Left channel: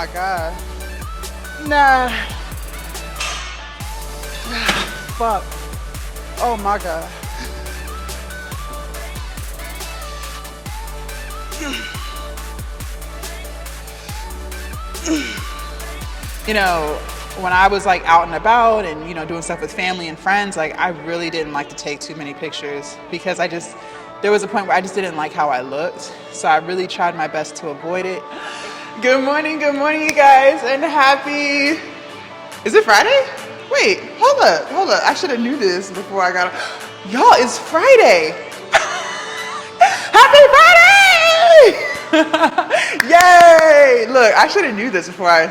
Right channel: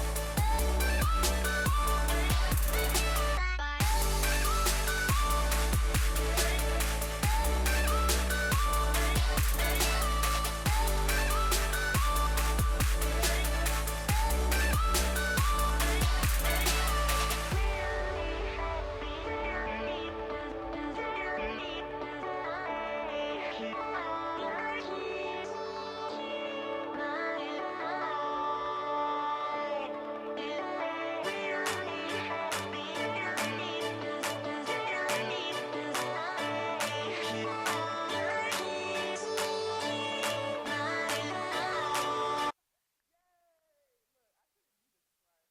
my God. Nah. Fuck. Oh my God. You know, when I was like out and about and, you know, doing stuff with family and friends, like I really didn't like to take too many pictures because there was a point where I just didn't like how I looked. So I really tried my best to avoid it. Good morning, you guys, and happy, is it Friday? Wait, hold up. I should have knew this before I got, y'all, it's Friday. Happy Friday! Yay! Look, I should have knew this before I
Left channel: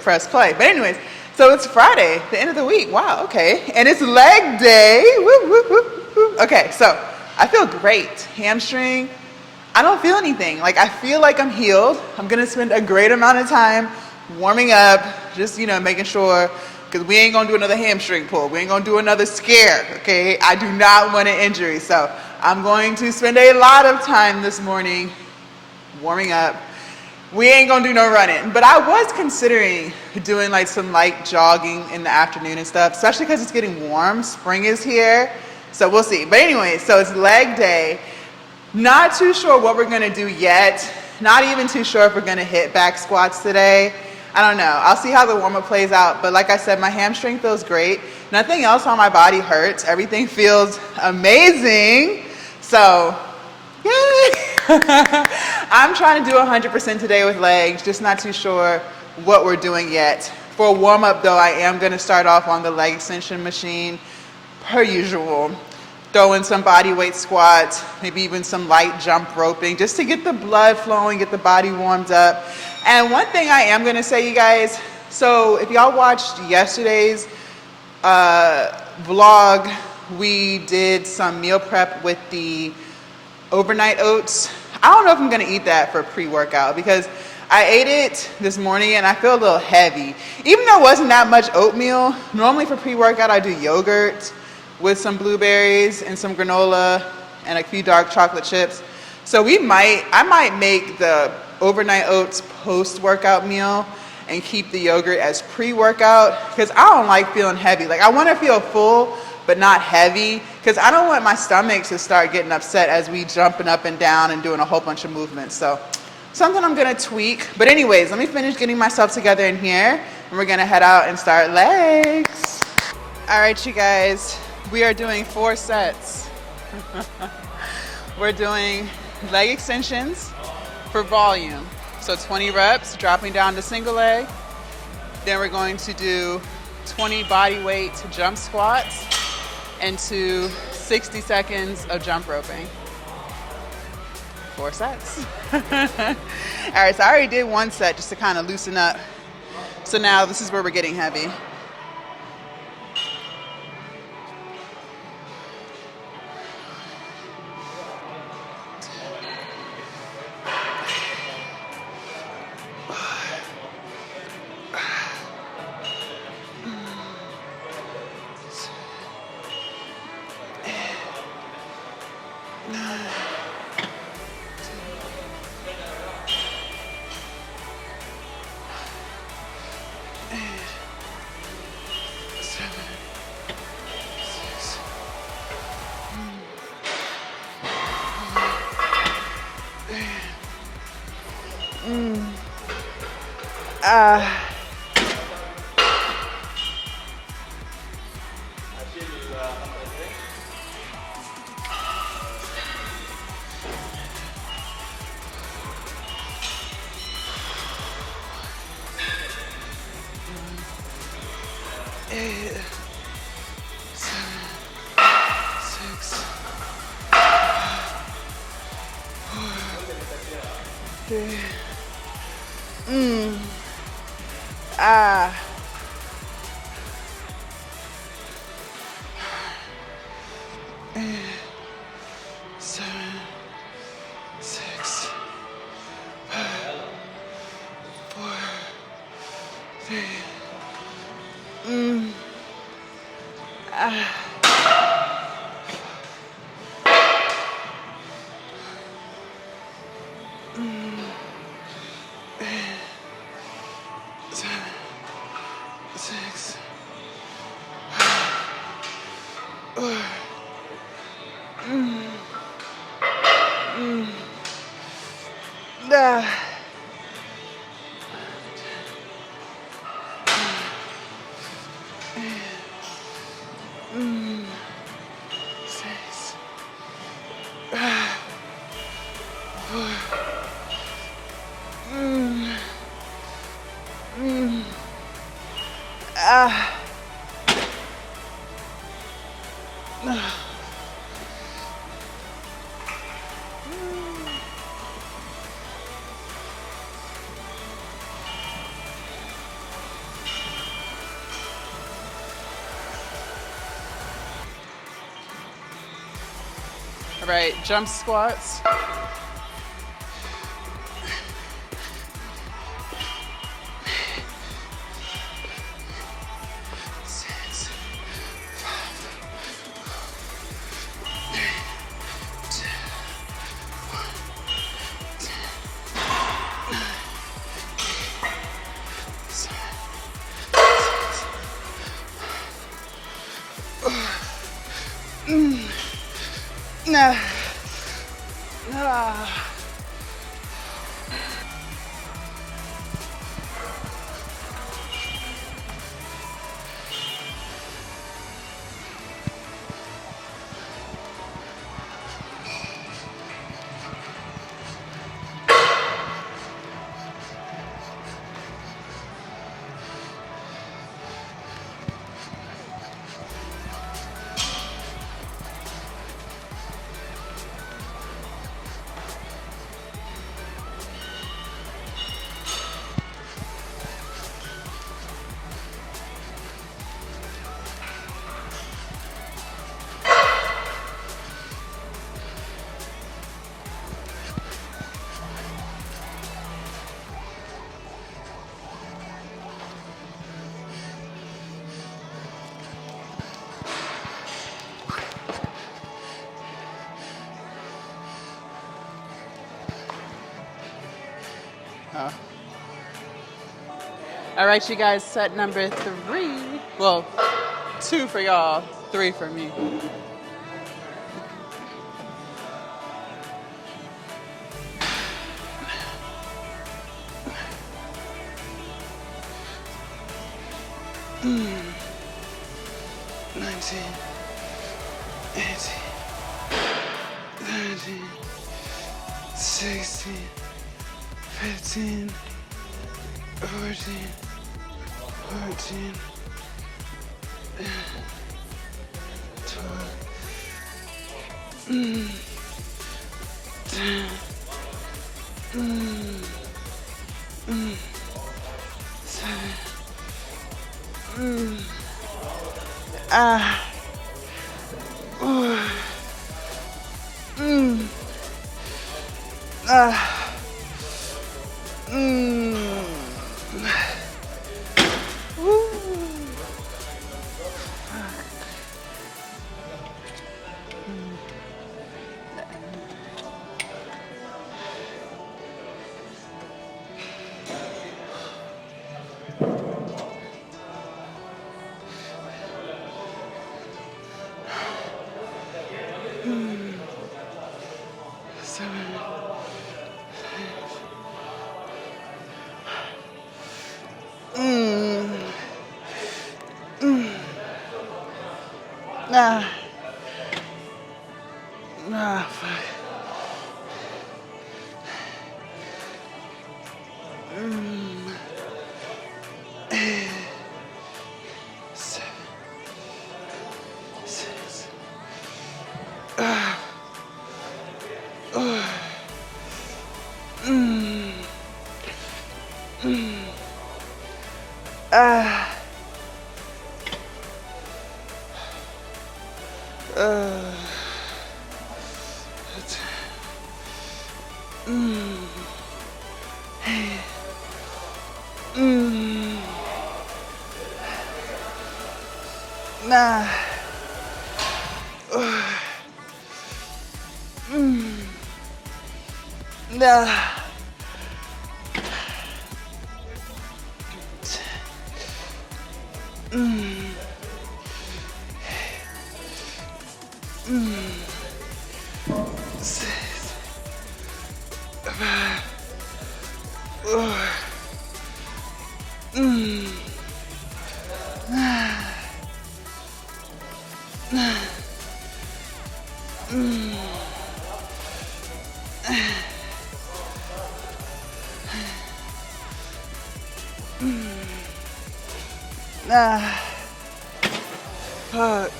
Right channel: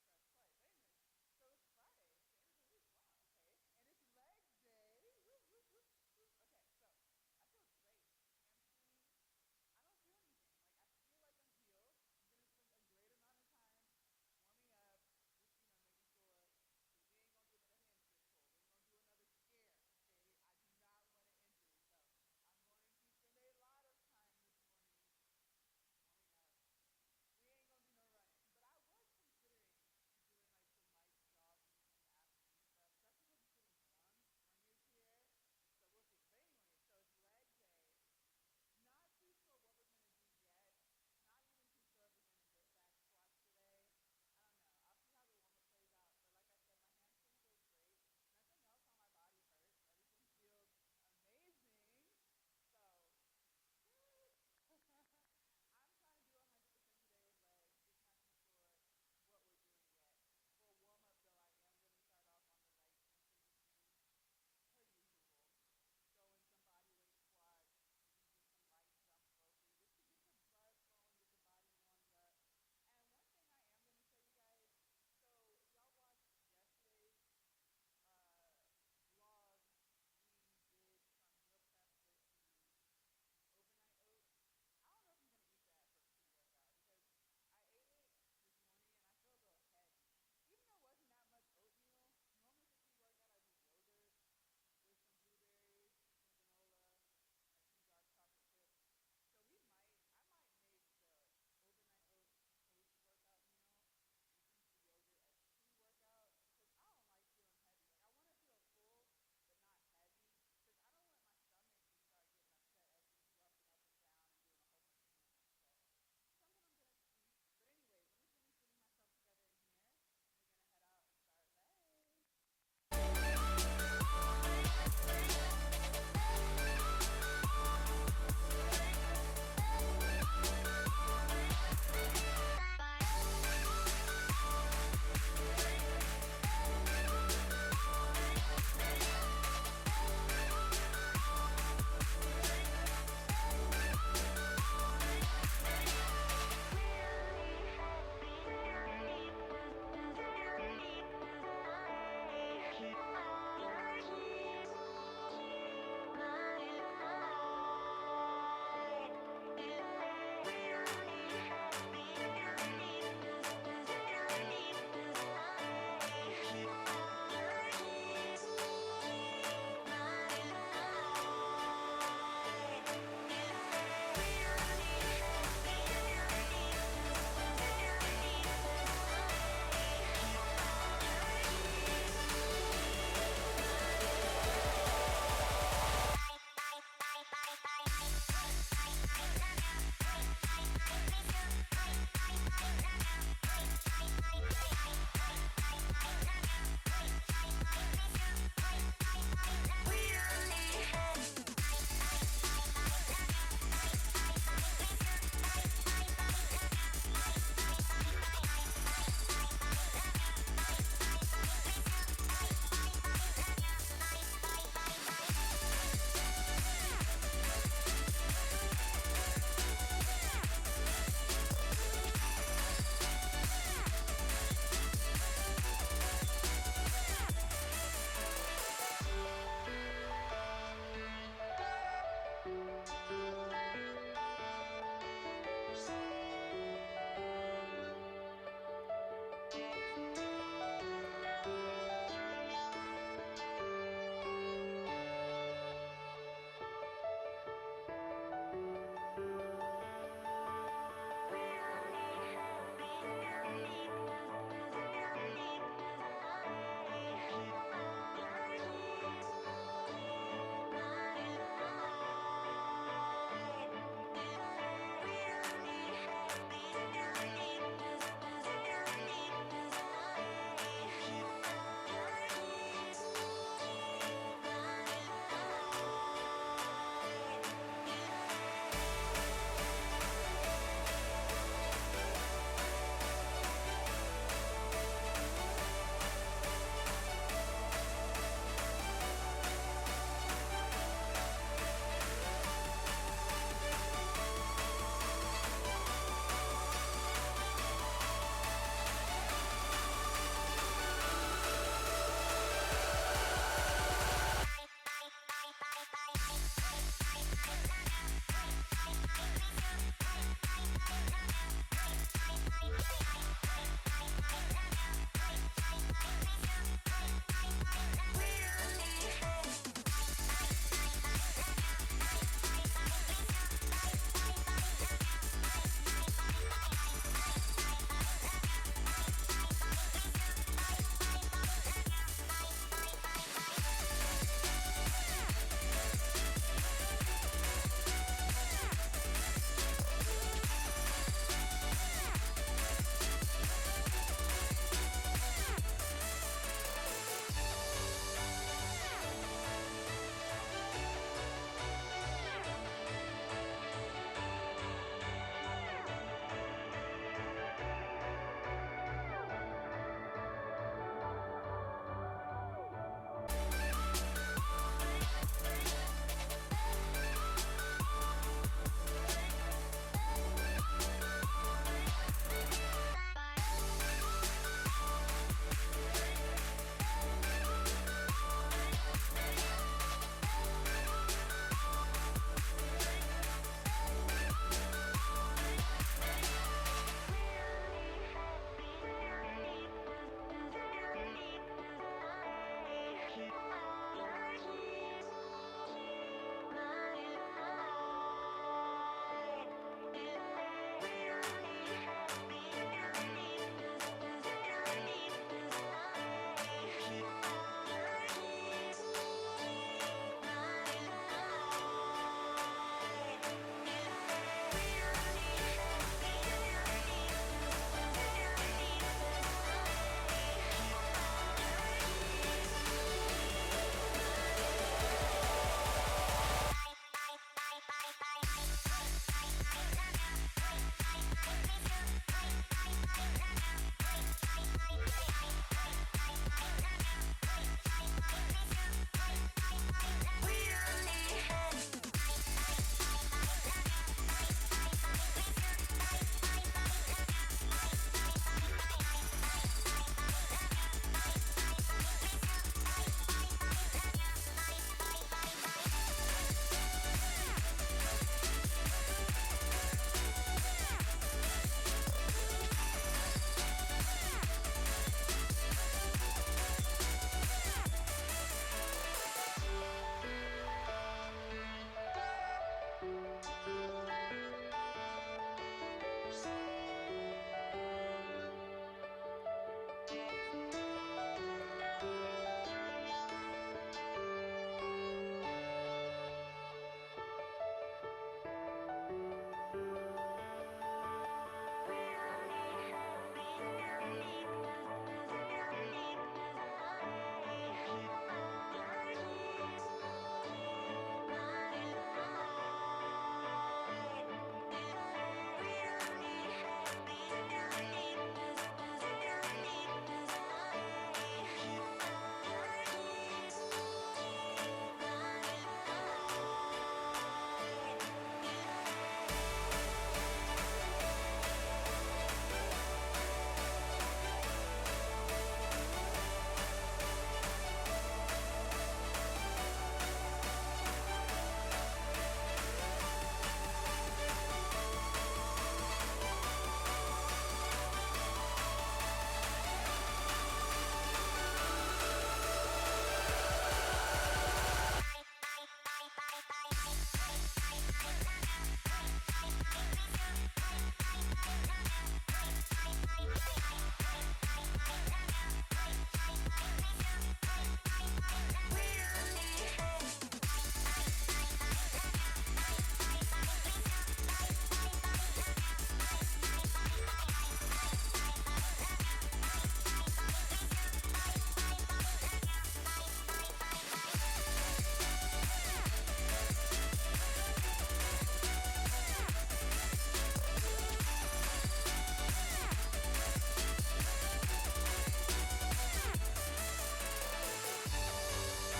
press play. But anyways, so it's Friday, the end of the week. Wow, okay. And it's leg day. Woo, woo, woo, woo. Okay, so I feel great. Hamstring, I don't feel anything. Like I feel like I'm healed. I'm gonna spend a great amount of time warming up, just, you know, making sure, because we ain't gonna do another hamstring pull. We ain't gonna do another scare, okay? I do not want an injury. So I'm going to spend a lot of time this morning warming up. We ain't gonna do no running, but I was considering doing like some light jogging in the afternoon and stuff, especially because it's getting warm. Spring is here, so we'll see. But anyway, so it's leg day. Not too sure what we're gonna do yet. Not even too sure if we're gonna hit back squats today. I don't know. I'll see how the warm-up plays out. But like I said, my hamstring feels great. Nothing else on my body hurts. Everything feels amazing. So, yay! I'm trying to do 100% today with legs, just not too sure what we're doing yet. For a warm-up though, I am gonna start off on the leg extension machine, per usual. Throw in some body weight squats, maybe even some light jump roping, just to get the blood flowing, get the body warmed up. And one thing I am gonna say, you guys, so if y'all watched yesterday's vlog, we did some meal prep with the overnight oats. I don't know if I'm gonna eat that for pre-workout because I ate it this morning and I feel a little heavy. Even though it wasn't that much oatmeal, normally for pre-workout I do yogurt with some blueberries and some granola and a few dark chocolate chips. So I might make the overnight oats post-workout meal and keep the yogurt as pre-workout because I don't like feeling heavy. Like I wanna feel full, but not heavy, because I don't want my stomach to start getting upset as we jumping up and down and doing a whole bunch of movements. So something I'm gonna tweak. But anyways, let me finish getting myself together in here and we're gonna head out and start legs. All right, you guys, we are doing 4 sets. We're doing leg extensions for volume. So 20 reps, dropping down to single leg. Then we're going to do 20 body weight jump squats into 60 seconds of jump roping. 4 sets. All right, so I already did 1 set just to kind of loosen up. So now this is where we're getting heavy. All right, jump squats. All right, you guys, set number 3. Well, 2 for y'all, 3 for me. Mm. 19, 18, 19, 16, 15, 14, 14, 12, 10, 7, fuck. 6, 5, 4, fuck.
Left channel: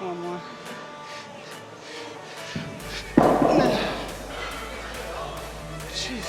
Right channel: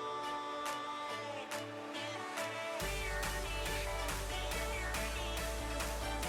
One more. Jeez.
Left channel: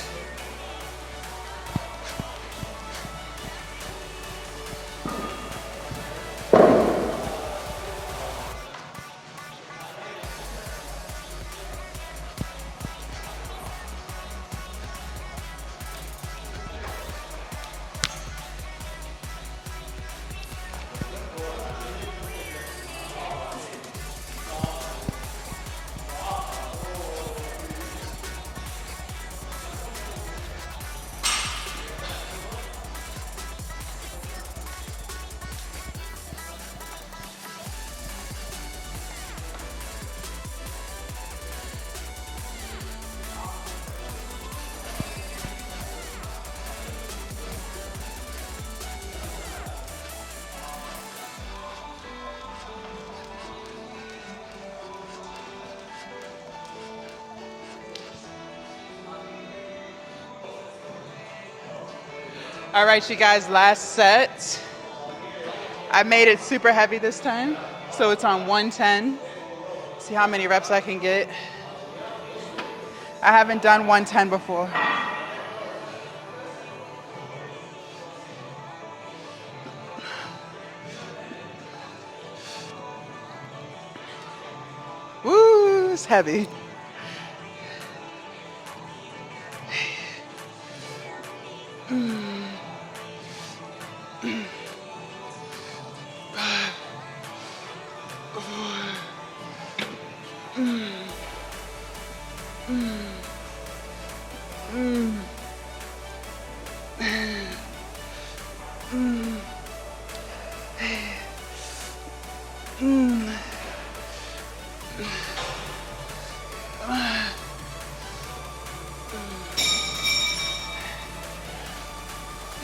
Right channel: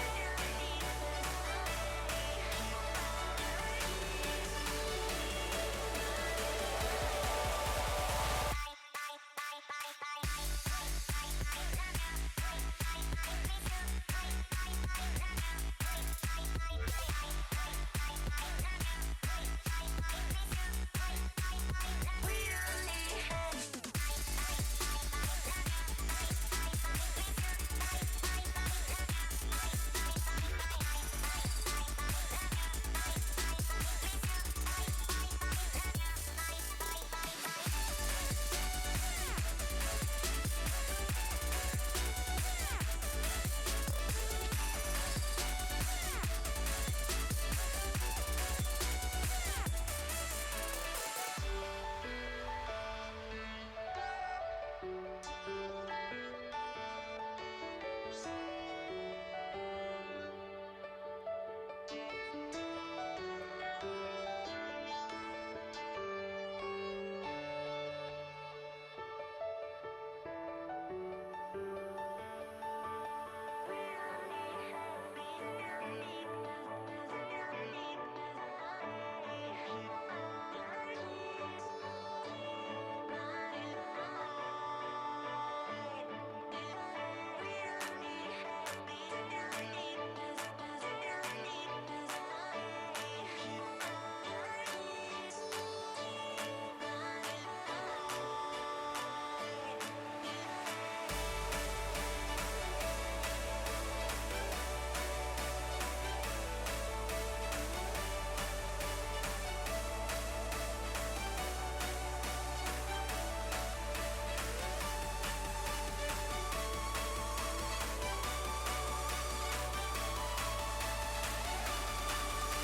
All right, you guys, last set. I made it super heavy this time, so it's on 110. See how many reps I can get. I haven't done 110 before. Woo, it's heavy.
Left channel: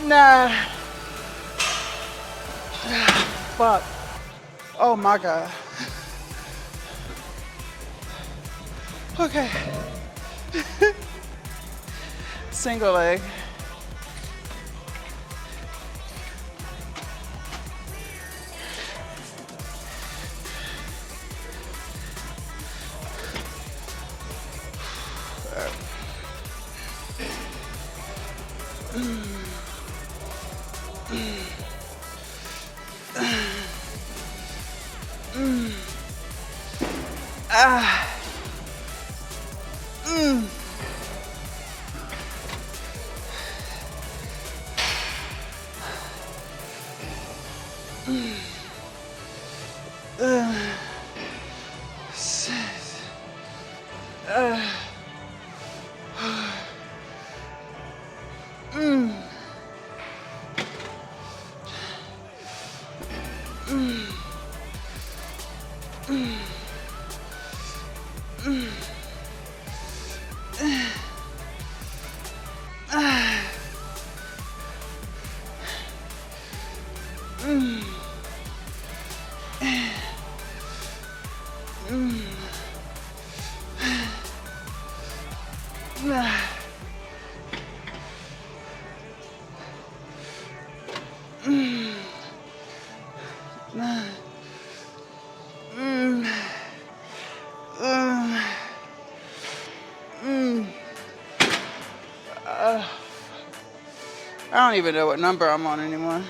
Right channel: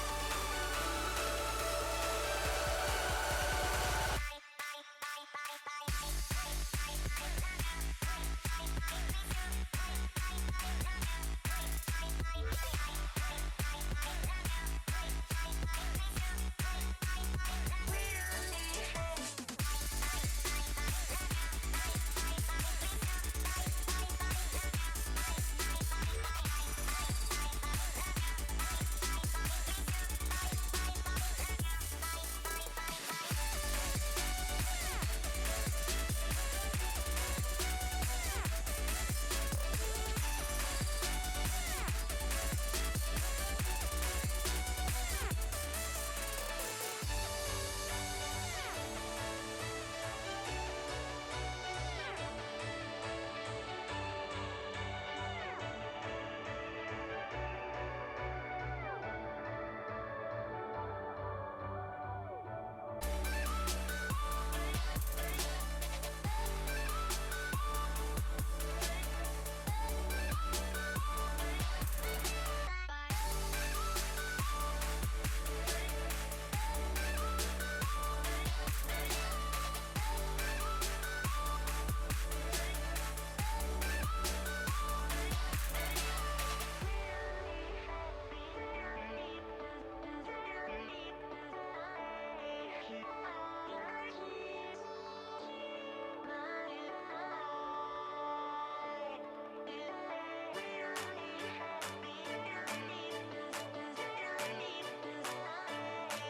Nah. Fuck. Oh my God. Okay. Single leg. I don't even know what number I'm on anymore.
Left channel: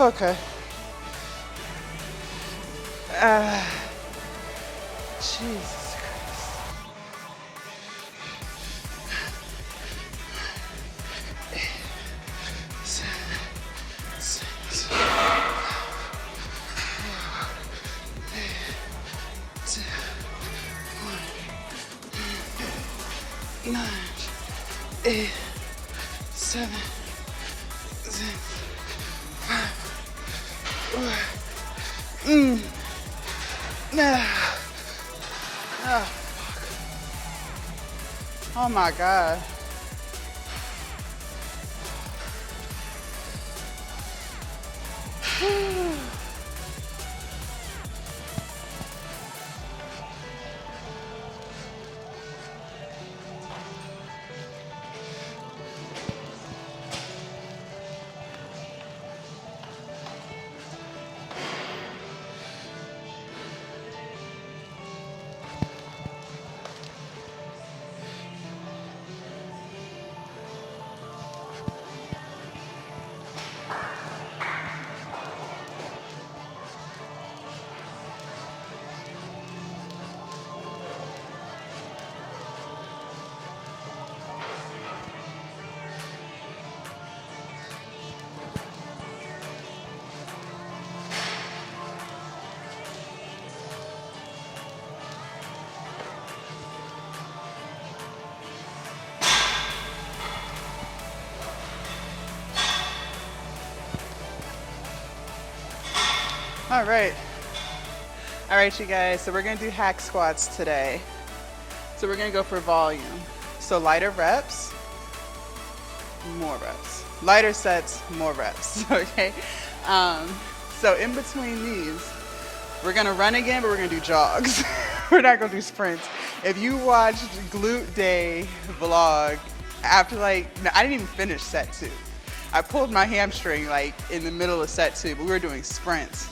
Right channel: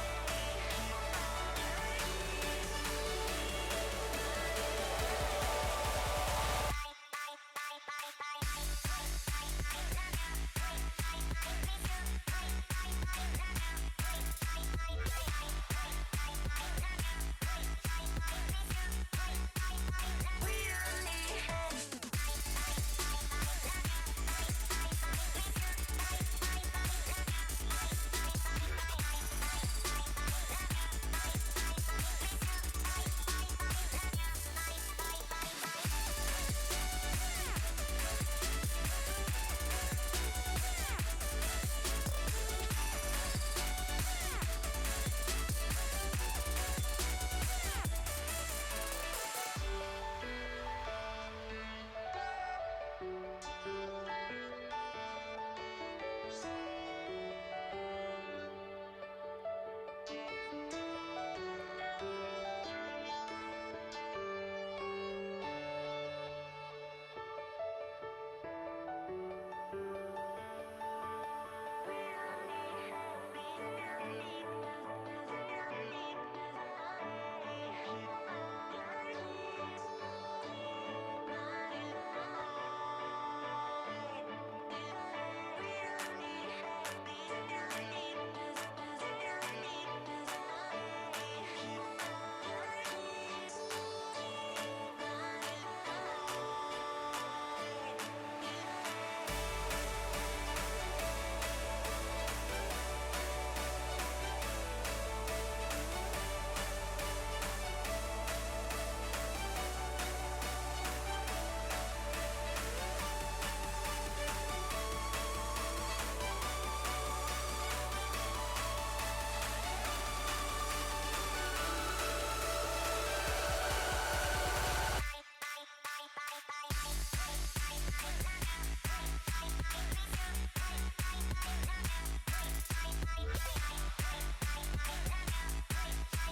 Okay. Jesus Christ. 9, 8, 7, 6, 5, 4. Oh my God. All right, you guys, so we're gonna do hack squats today. So we're gonna go for volume. So lighter reps, more reps. Lighter sets, more reps, okay? So in between these, we're gonna run again, but we're gonna do jogs. We're not gonna do sprints. If you watched Glute Day vlog, after no, I didn't even finish set 2. I pulled my hamstring in the middle of set 2, but we were doing sprints.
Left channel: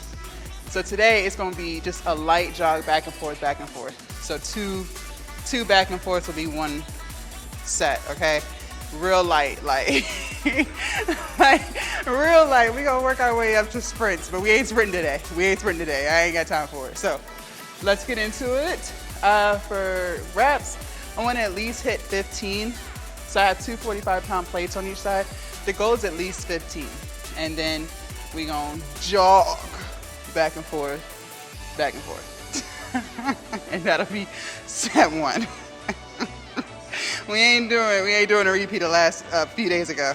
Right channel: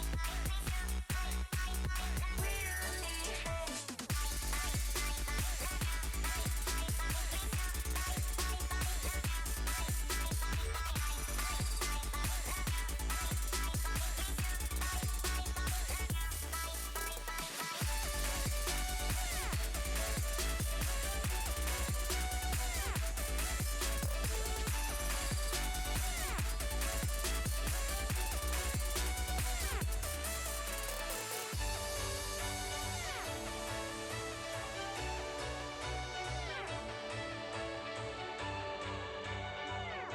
So today it's gonna be just a light jog back and forth, back and forth. So two back and forth will be one set, okay? Real light, real light. We gonna work our way up to sprints, but we ain't sprinting today. I ain't got time for it. So let's get into it. For reps, I wanna at least hit 15. So I have 2 45-pound plates on each side. The goal is at least 15. And then we gonna jog back and forth, back and forth. And that'll be set 1. We ain't doing a repeat of last few days ago.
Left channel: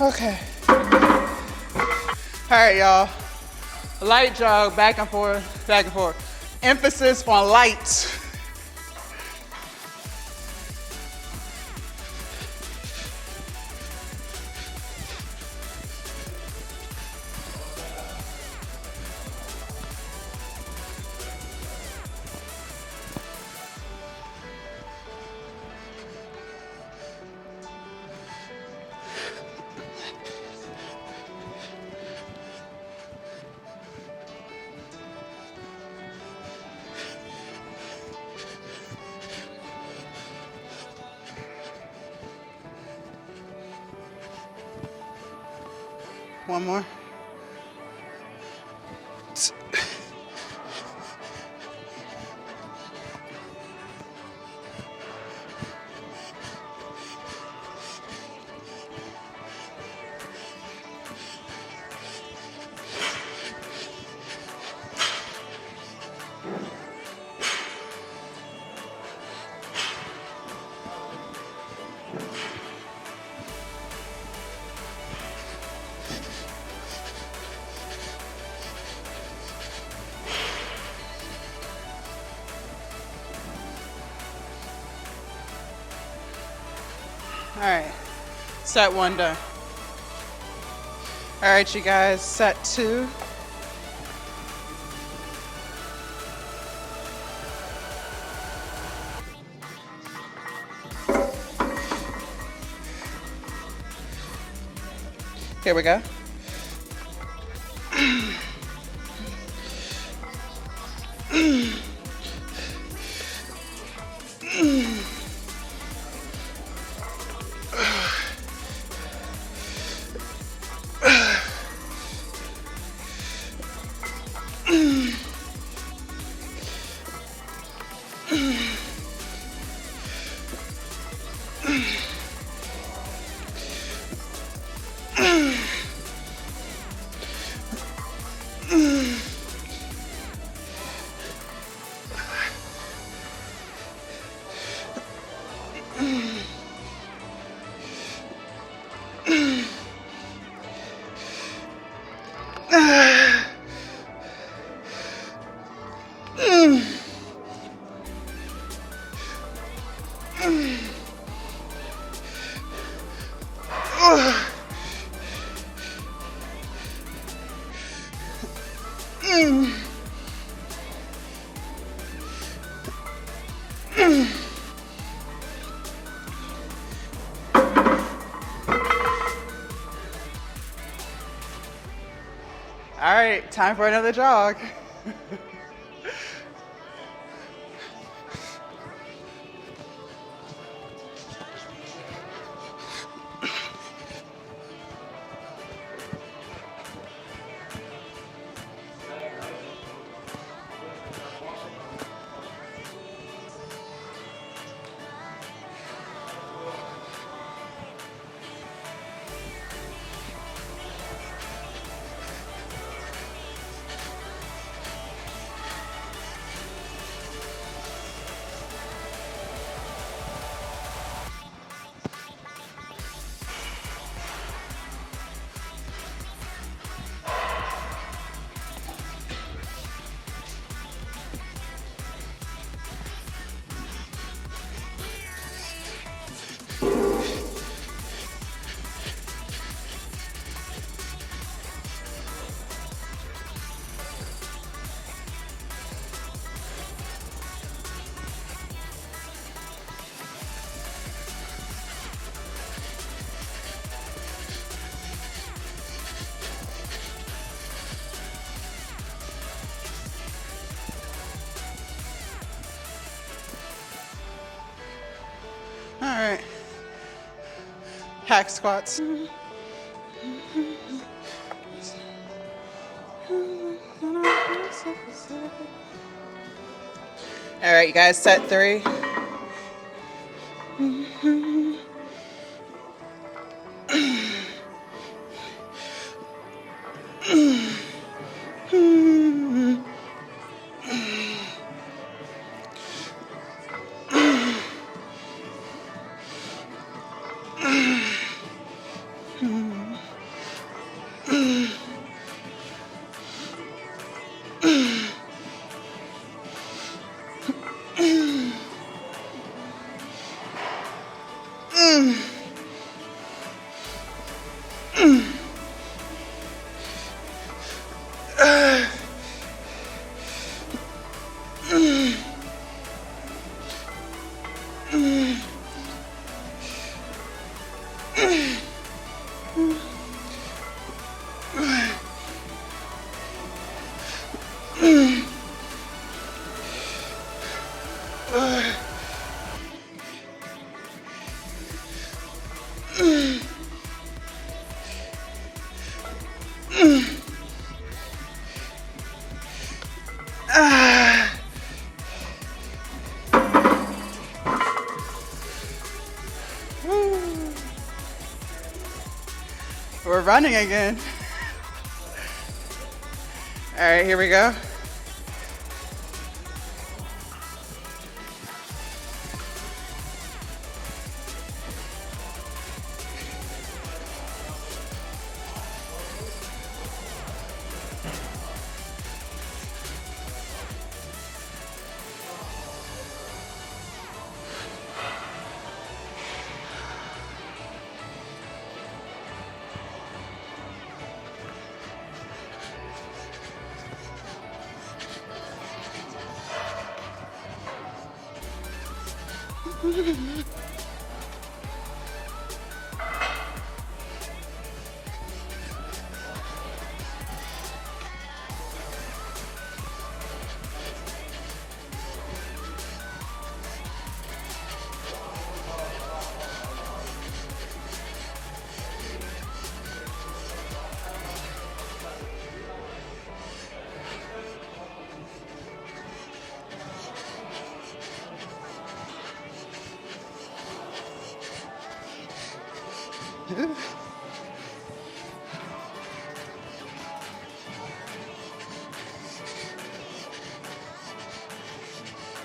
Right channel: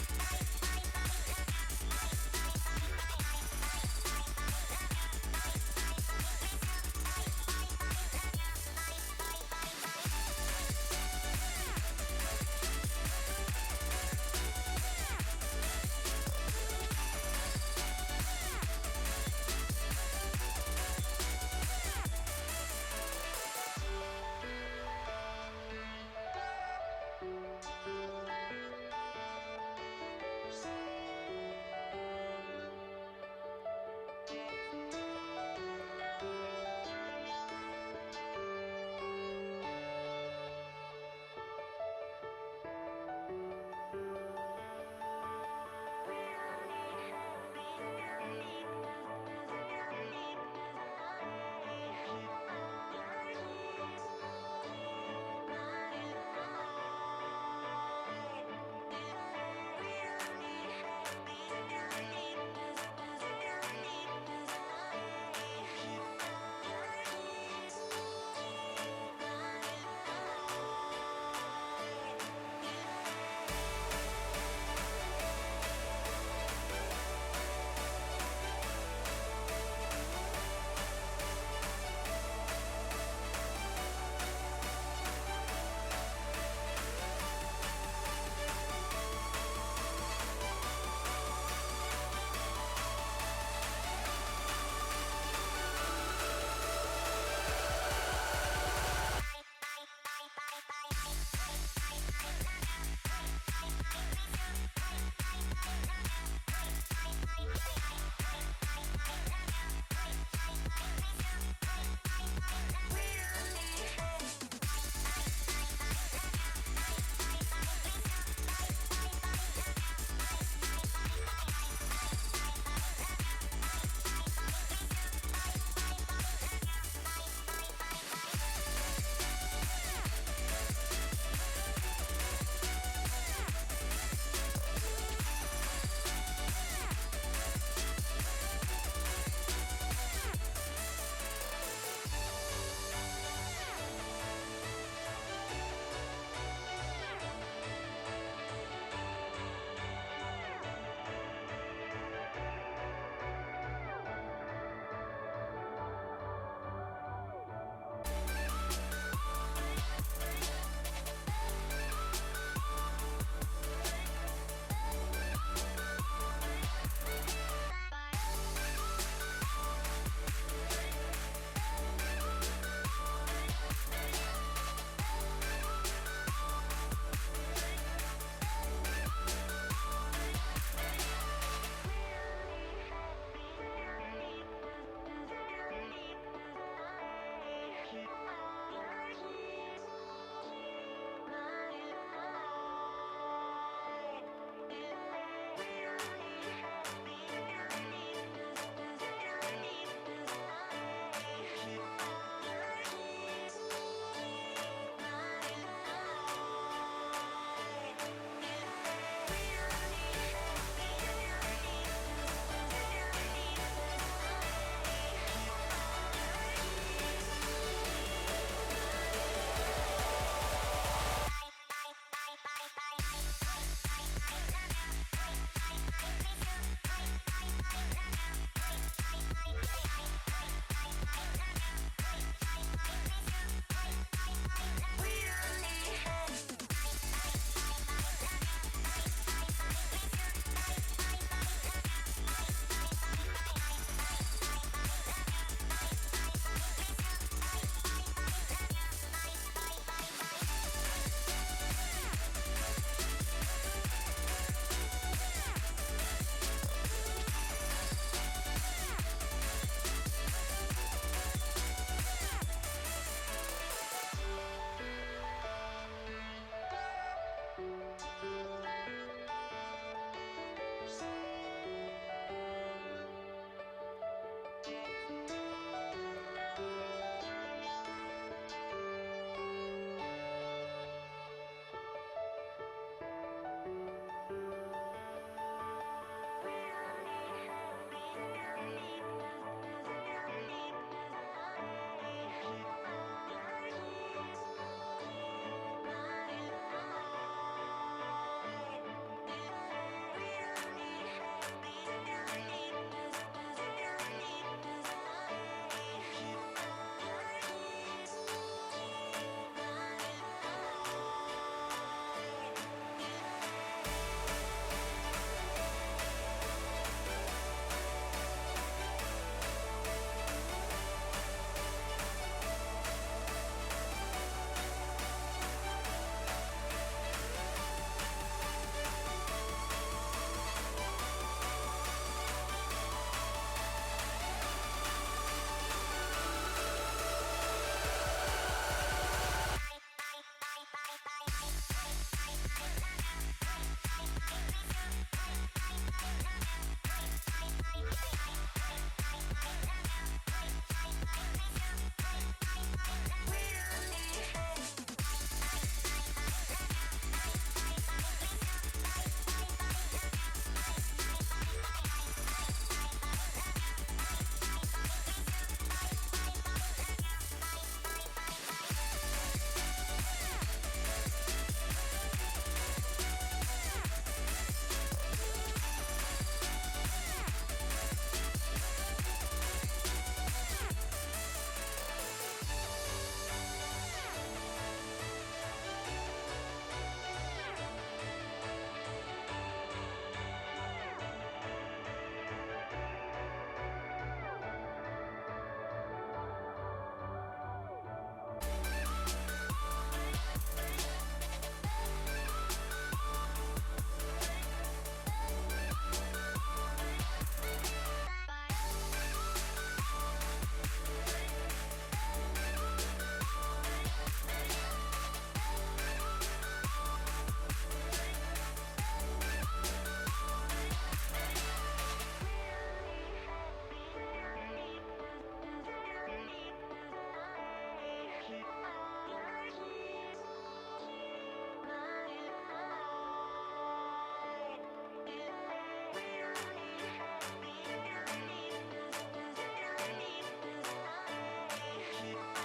Okay. All right, y'all. Light jog, back and forth, back and forth. Emphasis on light. one more. All right, set one done. All right, you guys, set two. Here we go. All right, time for another jog. All right, hack squats. All right, you guys, set three. We're running again. All right, here we go.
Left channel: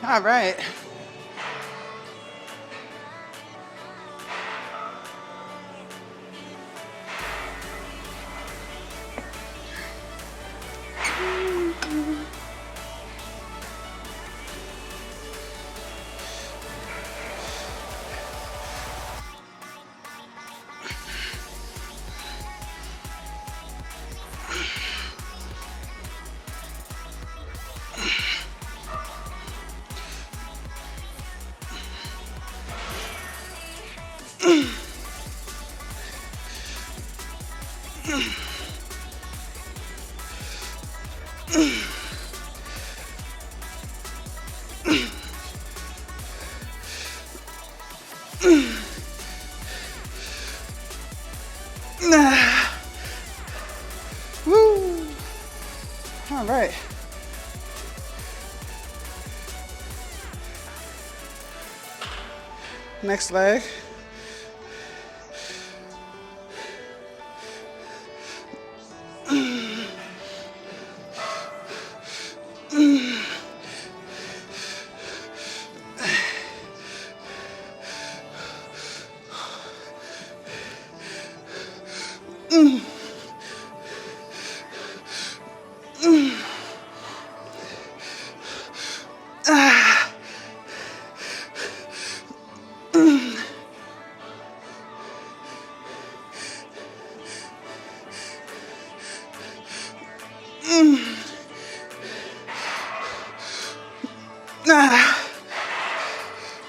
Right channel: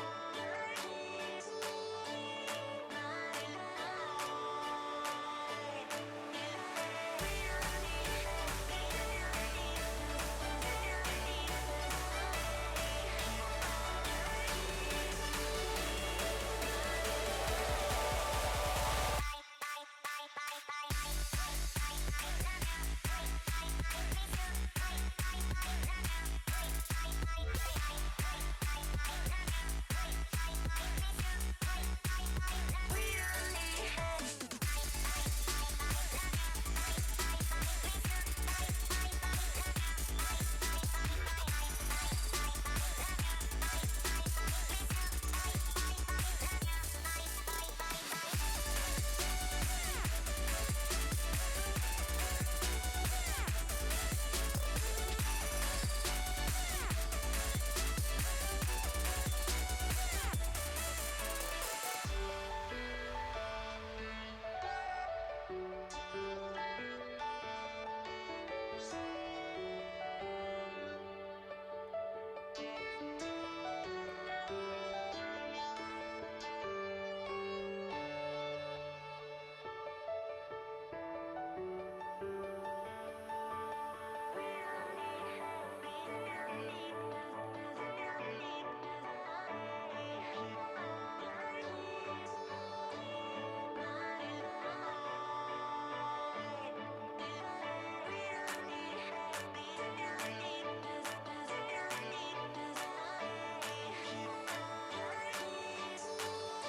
All right. Woo. All right. Next leg.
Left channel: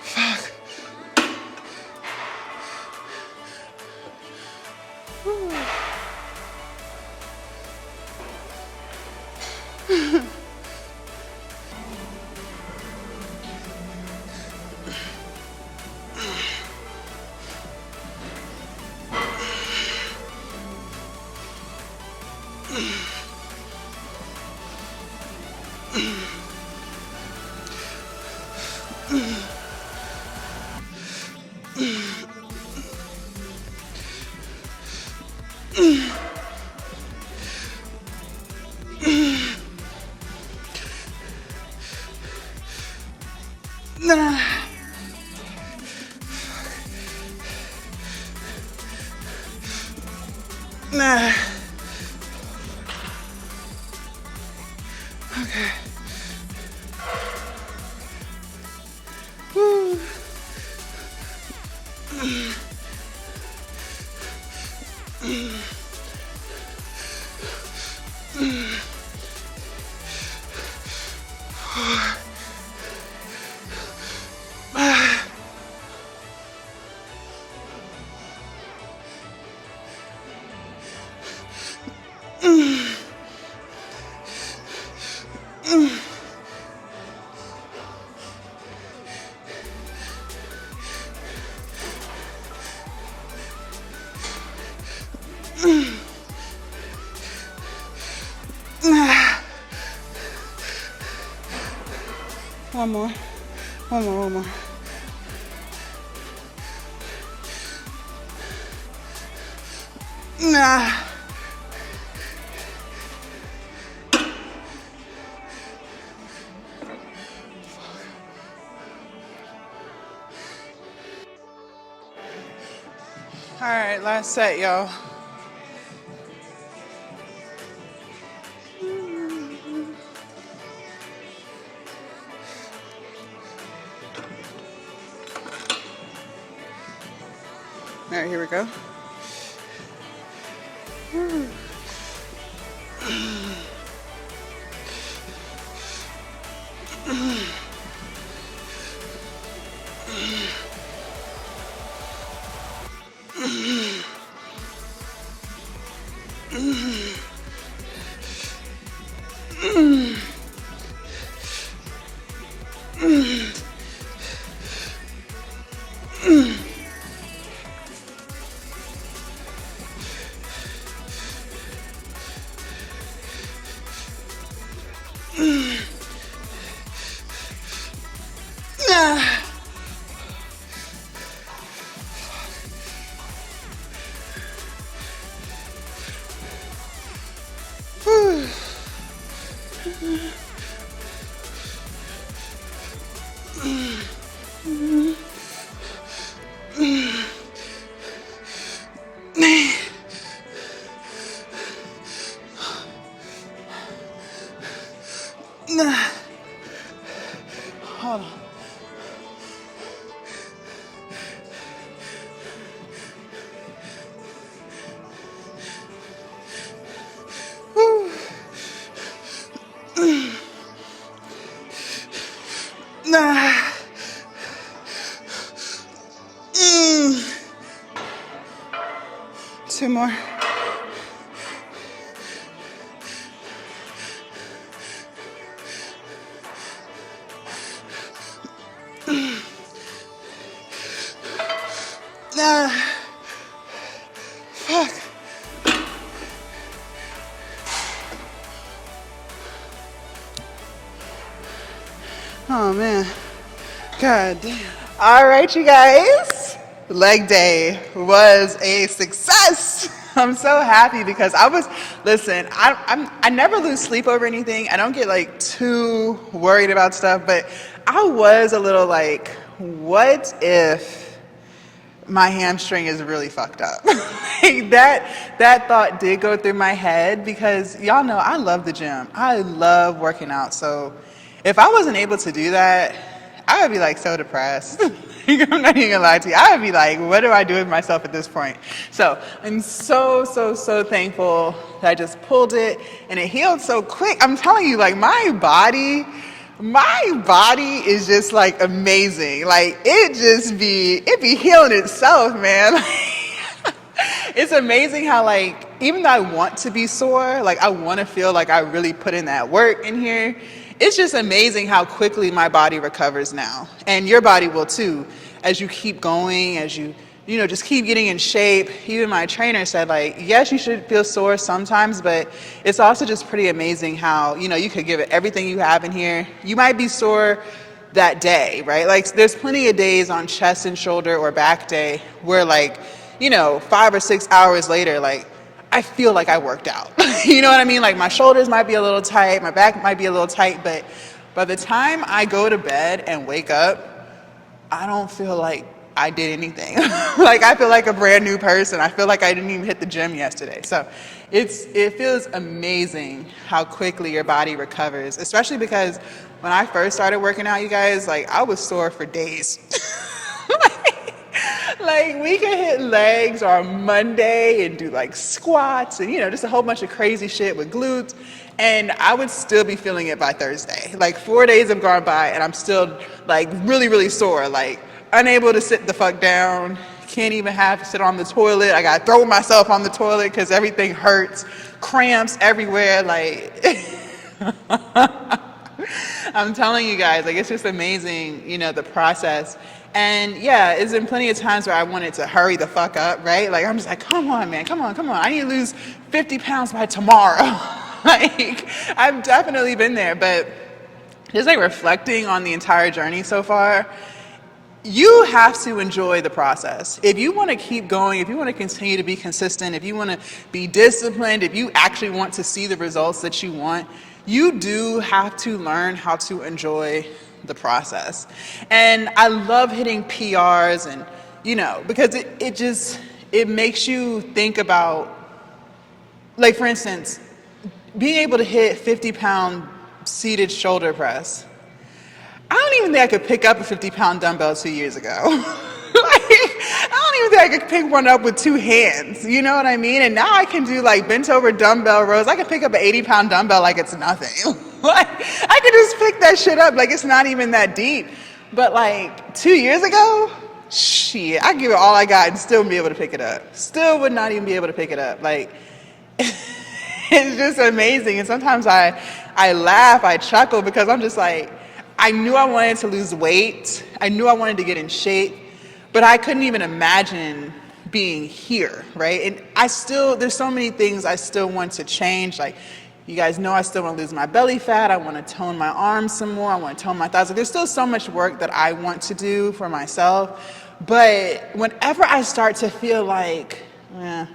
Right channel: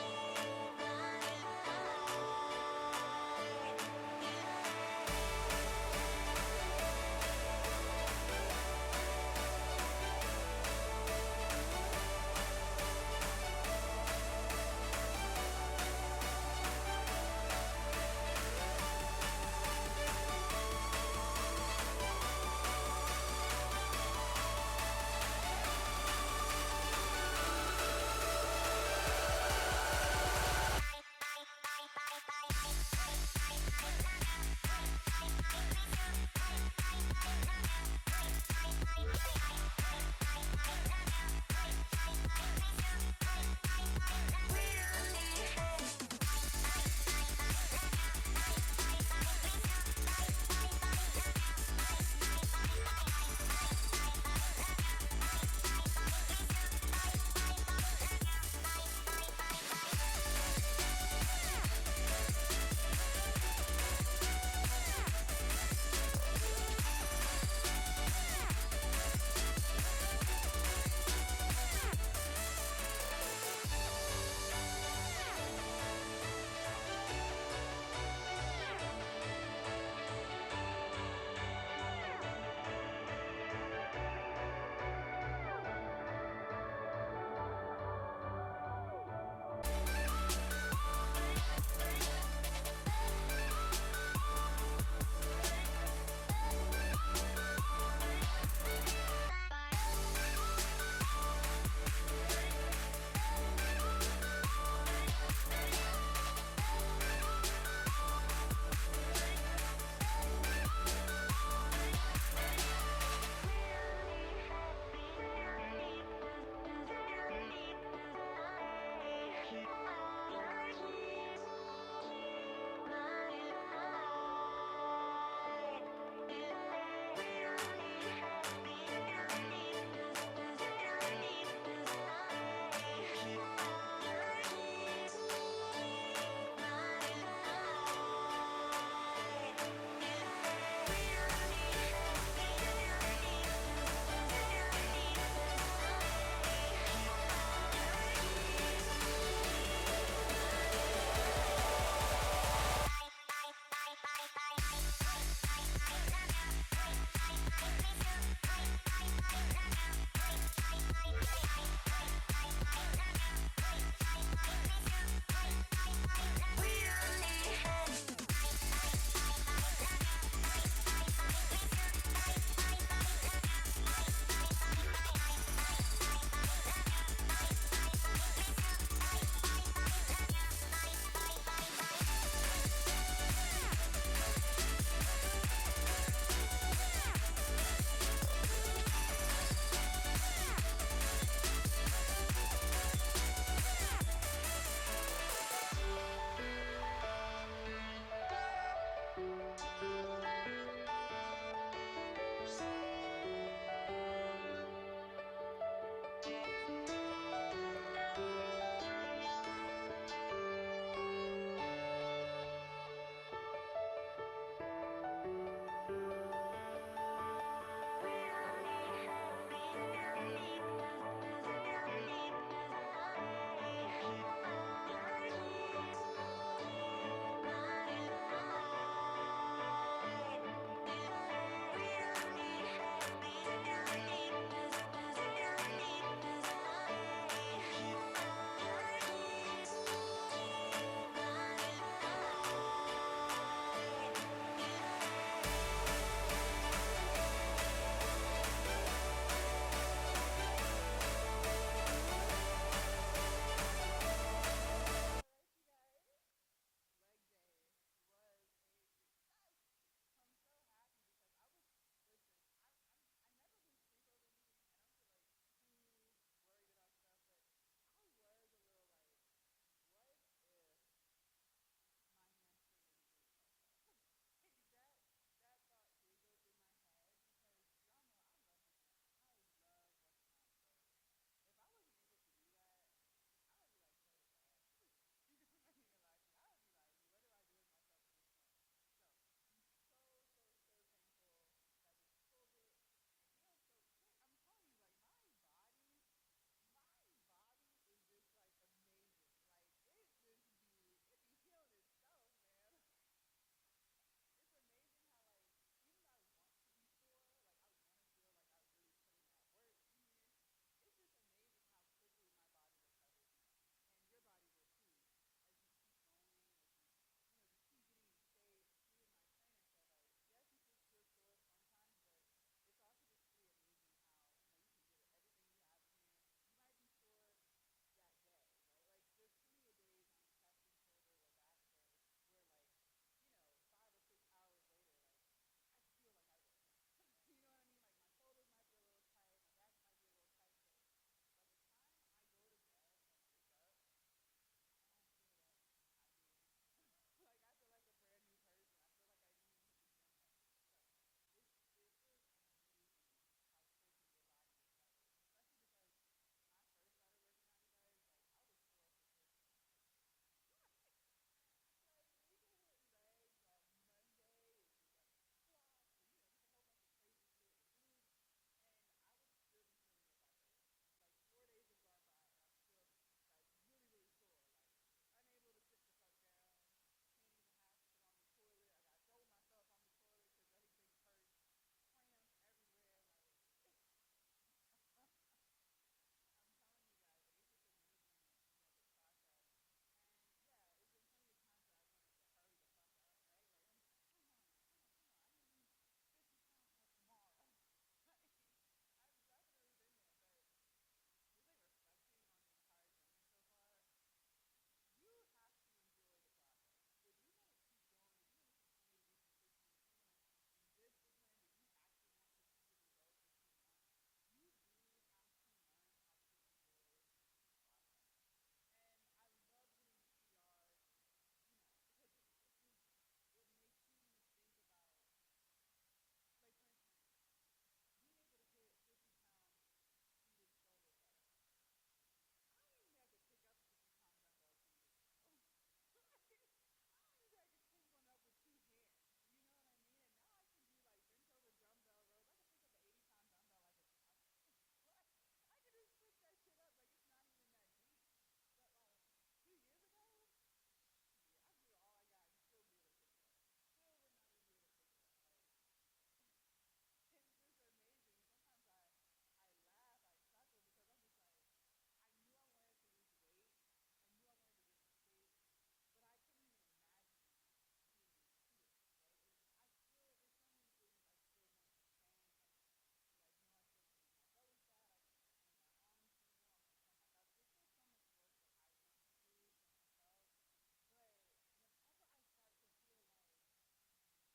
Fuck. Okay. Woo. One more. One more. Nah. All right, last set, y'all. All right, here we go. Hold on. Nah. Two more. Nah. Fuck. Oh man. God damn. All right, you guys. Leg day was a success. I'm so happy because listen, I never lose sleep over anything. I don't get like too worried about stuff, but I was a little like, what if my hamstring is really fucked up? Like that thought did go through my head because y'all know I love the gym. I love working out. So if I wasn't able to do that, I would be like so depressed. I'm not even gonna lie to you. I would be like, what do I do with myself at this point? So I'm so thankful that I just pulled it and it healed so quick. I'm telling you, like my body is just like amazing. Like it be healing itself, man. It's amazing how like, even though I want to be sore, like I want to feel like I really put in that work in here. It's just amazing how quickly my body recovers now. And your body will too, as you keep going, as you just keep getting in shape. Even my trainer said like, yes, you should feel sore sometimes, but it's also just pretty amazing how, you could give it everything you have in here. You might be sore that day, right? Like there's plenty of days on chest and shoulder or back day where like, 5 or 6 hours later, like I feel like I worked out. You know what I mean? Like my shoulders might be a little tight, my back might be a little tight, but by the time I go to bed and wake up, I don't feel like I did anything. Like I feel like a brand new person. I feel like I didn't even hit the gym yesterday. So it feels amazing how quickly your body recovers, especially because when I first started working out, you guys, like I was sore for days. Like we could hit legs on Monday and do like squats and just a whole bunch of crazy shit with glutes, and I would still be feeling it by Thursday. Like 4 days have gone by and I'm still like really sore, like unable to sit the fuck down, can't even sit on the toilet. I gotta throw myself on the toilet because everything hurts, cramps everywhere, like I'm telling you guys, like it's just amazing, the process. And yeah, it's been plenty of times where I wanted to hurry the fuck up, right? Like I'm just like, come on, man, come on. I need to lose 50 pounds by tomorrow. Like I've definitely been there, but just like reflecting on the entire journey so far, you have to enjoy the process. If you want to keep going, if you want to continue to be consistent, if you want to be disciplined, if you actually want to see the results that you want, you do have to learn how to enjoy the process. And I love hitting PRs and, because it makes you think about, like, for instance, being able to hit 50-pound seated shoulder press. I don't even think I could pick up a 50-pound dumbbell 2 years ago. I don't even think I could pick one up with 2 hands. You know what I mean? And now I can do like bent over dumbbell rows. I can pick up an 80-pound dumbbell like it's nothing. Like, I can just pick that shit up like it's not even that deep. But like 2 years ago, shit, I give it all I got and still wouldn't be able to pick it up. Still would not even be able to pick it up. Like, it's just amazing. And sometimes I laugh, I chuckle because I'm just like, I knew I wanted to lose weight. I knew I wanted to get in shape, but I couldn't even imagine being here, right? And there's so many things I still want to change. Like, you guys know I still want to lose my belly fat. I want to tone my arms some more. I want to tone my thighs. Like, there's still so much work that I want to do for myself. But whenever I start to feel like, I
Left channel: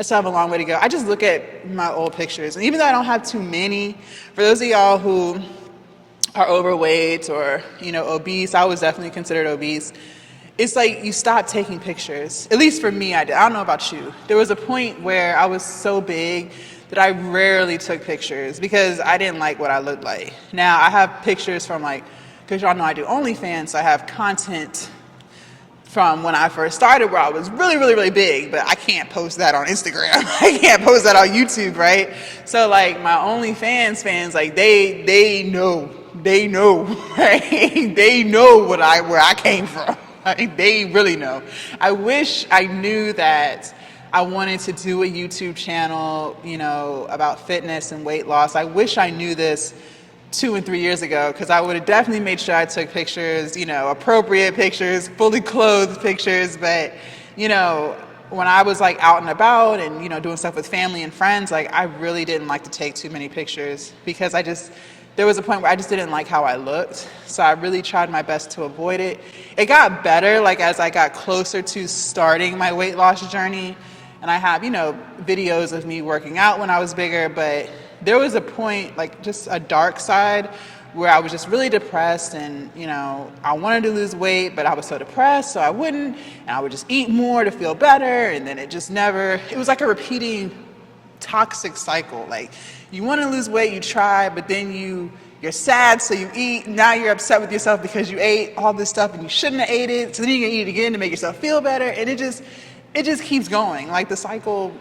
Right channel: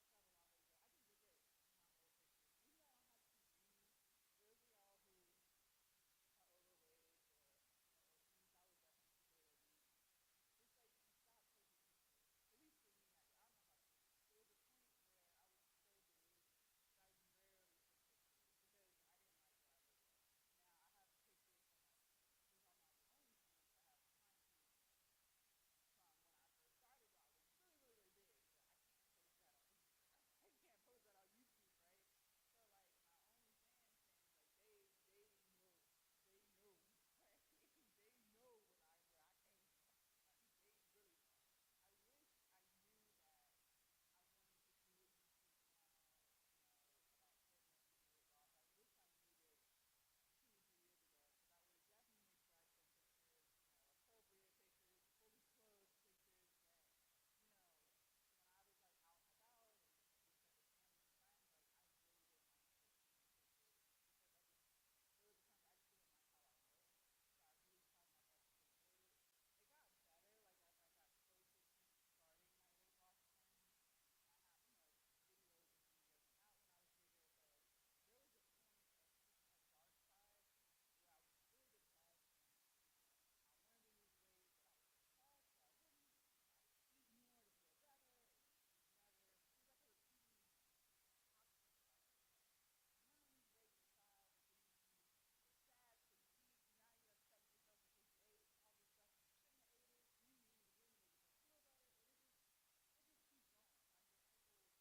still have a long way to go, I just look at my old pictures. And even though I don't have too many, for those of y'all who are overweight or, obese, I was definitely considered obese. It's like you stop taking pictures. At least for me, I did. I don't know about you. There was a point where I was so big that I rarely took pictures because I didn't like what I looked like. Now, I have pictures from because y'all know I do OnlyFans, so I have content from when I first started where I was really, really, really big, but I can't post that on Instagram. I can't post that on YouTube, right? So like my OnlyFans fans, like they know, right? They know where I came from. Like, they really know. I wish I knew that I wanted to do a YouTube channel, about fitness and weight loss. I wish I knew this 2 and 3 years ago, because I would have definitely made sure I took pictures, appropriate pictures, fully clothed pictures. But, when I was like out and about and, doing stuff with family and friends, like I really didn't like to take too many pictures because there was a point where I just didn't like how I looked. So I really tried my best to avoid it. It got better, like as I got closer to starting my weight loss journey. And I have, videos of me working out when I was bigger, but there was a point, like just a dark side, where I was just really depressed and, I wanted to lose weight, but I was so depressed, so I wouldn't, and I would just eat more to feel better, and then it was like a repeating toxic cycle. Like, you want to lose weight, you try, but then you're sad, so you eat, now you're upset with yourself because you ate all this stuff and you shouldn't have ate it, so then you're gonna eat it again to make yourself feel better, and it just keeps going. Like, the cycle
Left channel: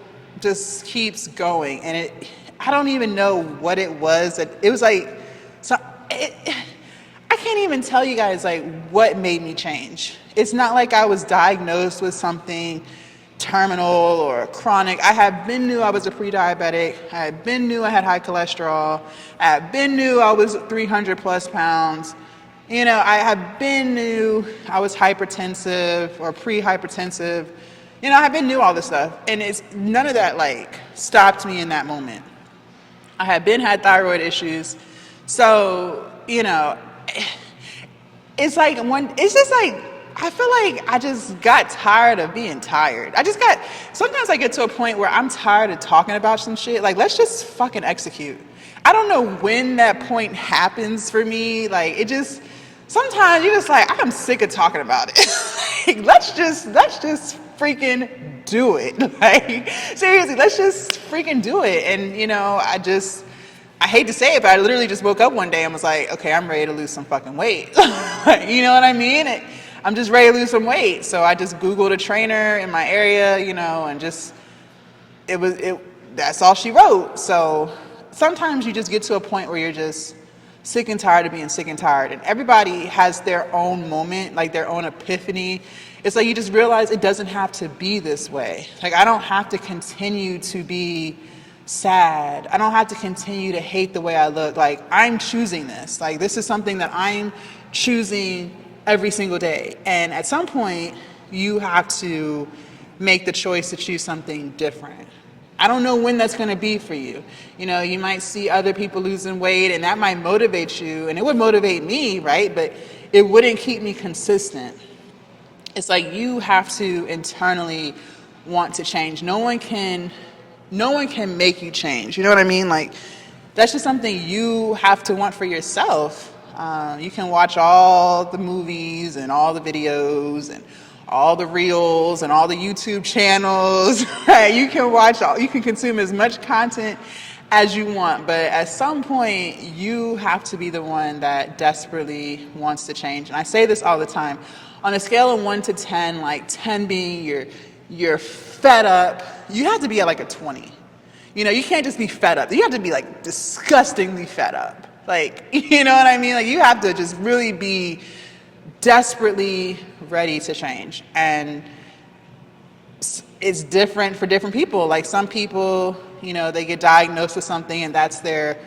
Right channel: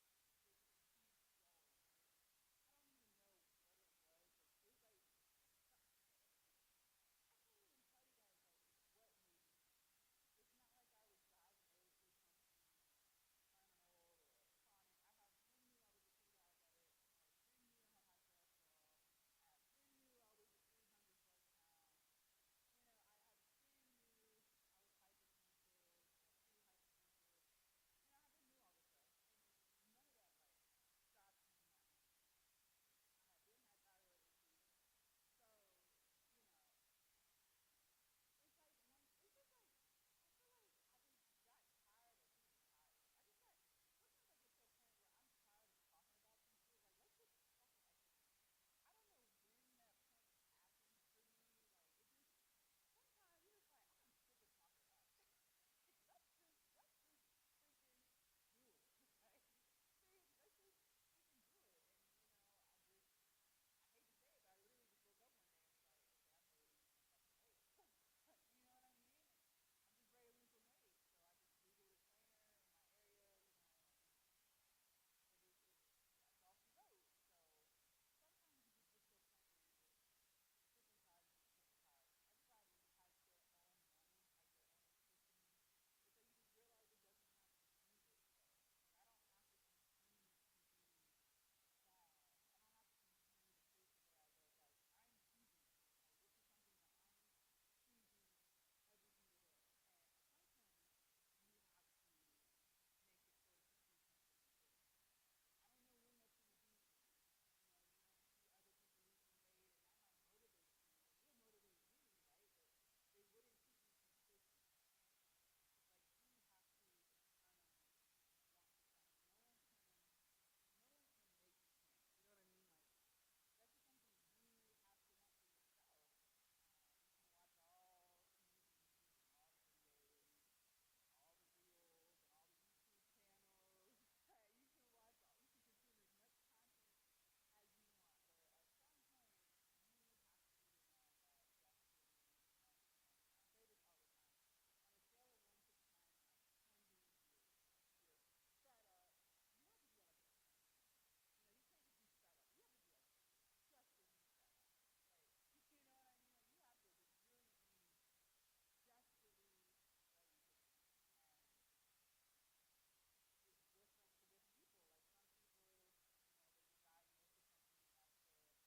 just keeps going, and I don't even know what it was. It was like, I can't even tell you guys like what made me change. It's not like I was diagnosed with something terminal or chronic. I had been knew I was a pre-diabetic. I had been knew I had high cholesterol. I had been knew I was 300 plus pounds. I had been knew I was hypertensive or pre-hypertensive. I had been knew all this stuff, and none of that like stopped me in that moment. I had thyroid issues. So, it's like I feel like I just got tired of being tired. Sometimes I get to a point where I'm tired of talking about some shit. Like, let's just fucking execute. I don't know when that point happens for me. Like, sometimes you're just like, I'm sick of talking about it. Like, let's just freaking do it. Like, seriously, let's just freaking do it. And, I hate to say it, but I literally just woke up one day and was like, okay, I'm ready to lose some fucking weight. You know what I mean? I'm just ready to lose some weight. So I just Googled a trainer in my area, and that's all she wrote. So sometimes you just get to a point where you're just sick and tired of being sick and tired. And everybody has their own moment, like their own epiphany. It's like you just realize it doesn't have to be this way. Like, I don't have to continue to be sad. I don't have to continue to hate the way I look. Like, I'm choosing this. Like, this is something that I'm choosing every single day. And at some point, you have to make the choice to choose something different. I don't know when that's going to be for you. You might see other people losing weight, and that might motivate you, and it would motivate me, right? But it wouldn't keep me consistent. it's like you have to internally want to change. No one can make you change. You know what I mean? Like, that's just something you have to want for yourself. You can watch all the movies and all the videos and all the reels and all the YouTube channels, right? You can consume as much content as you want, but at some point you have to be the one that desperately wants to change. And I say this all the time. On a scale of 1 to 10, like 10 being you're fed up, you have to be at like a 20. You know, you can't just be fed up. You have to be like disgustingly fed up. Like, you know what I mean? Like, you have to just really be desperately ready to change. And it's different for different people. Like, some people, you know, they get diagnosed with something and that's their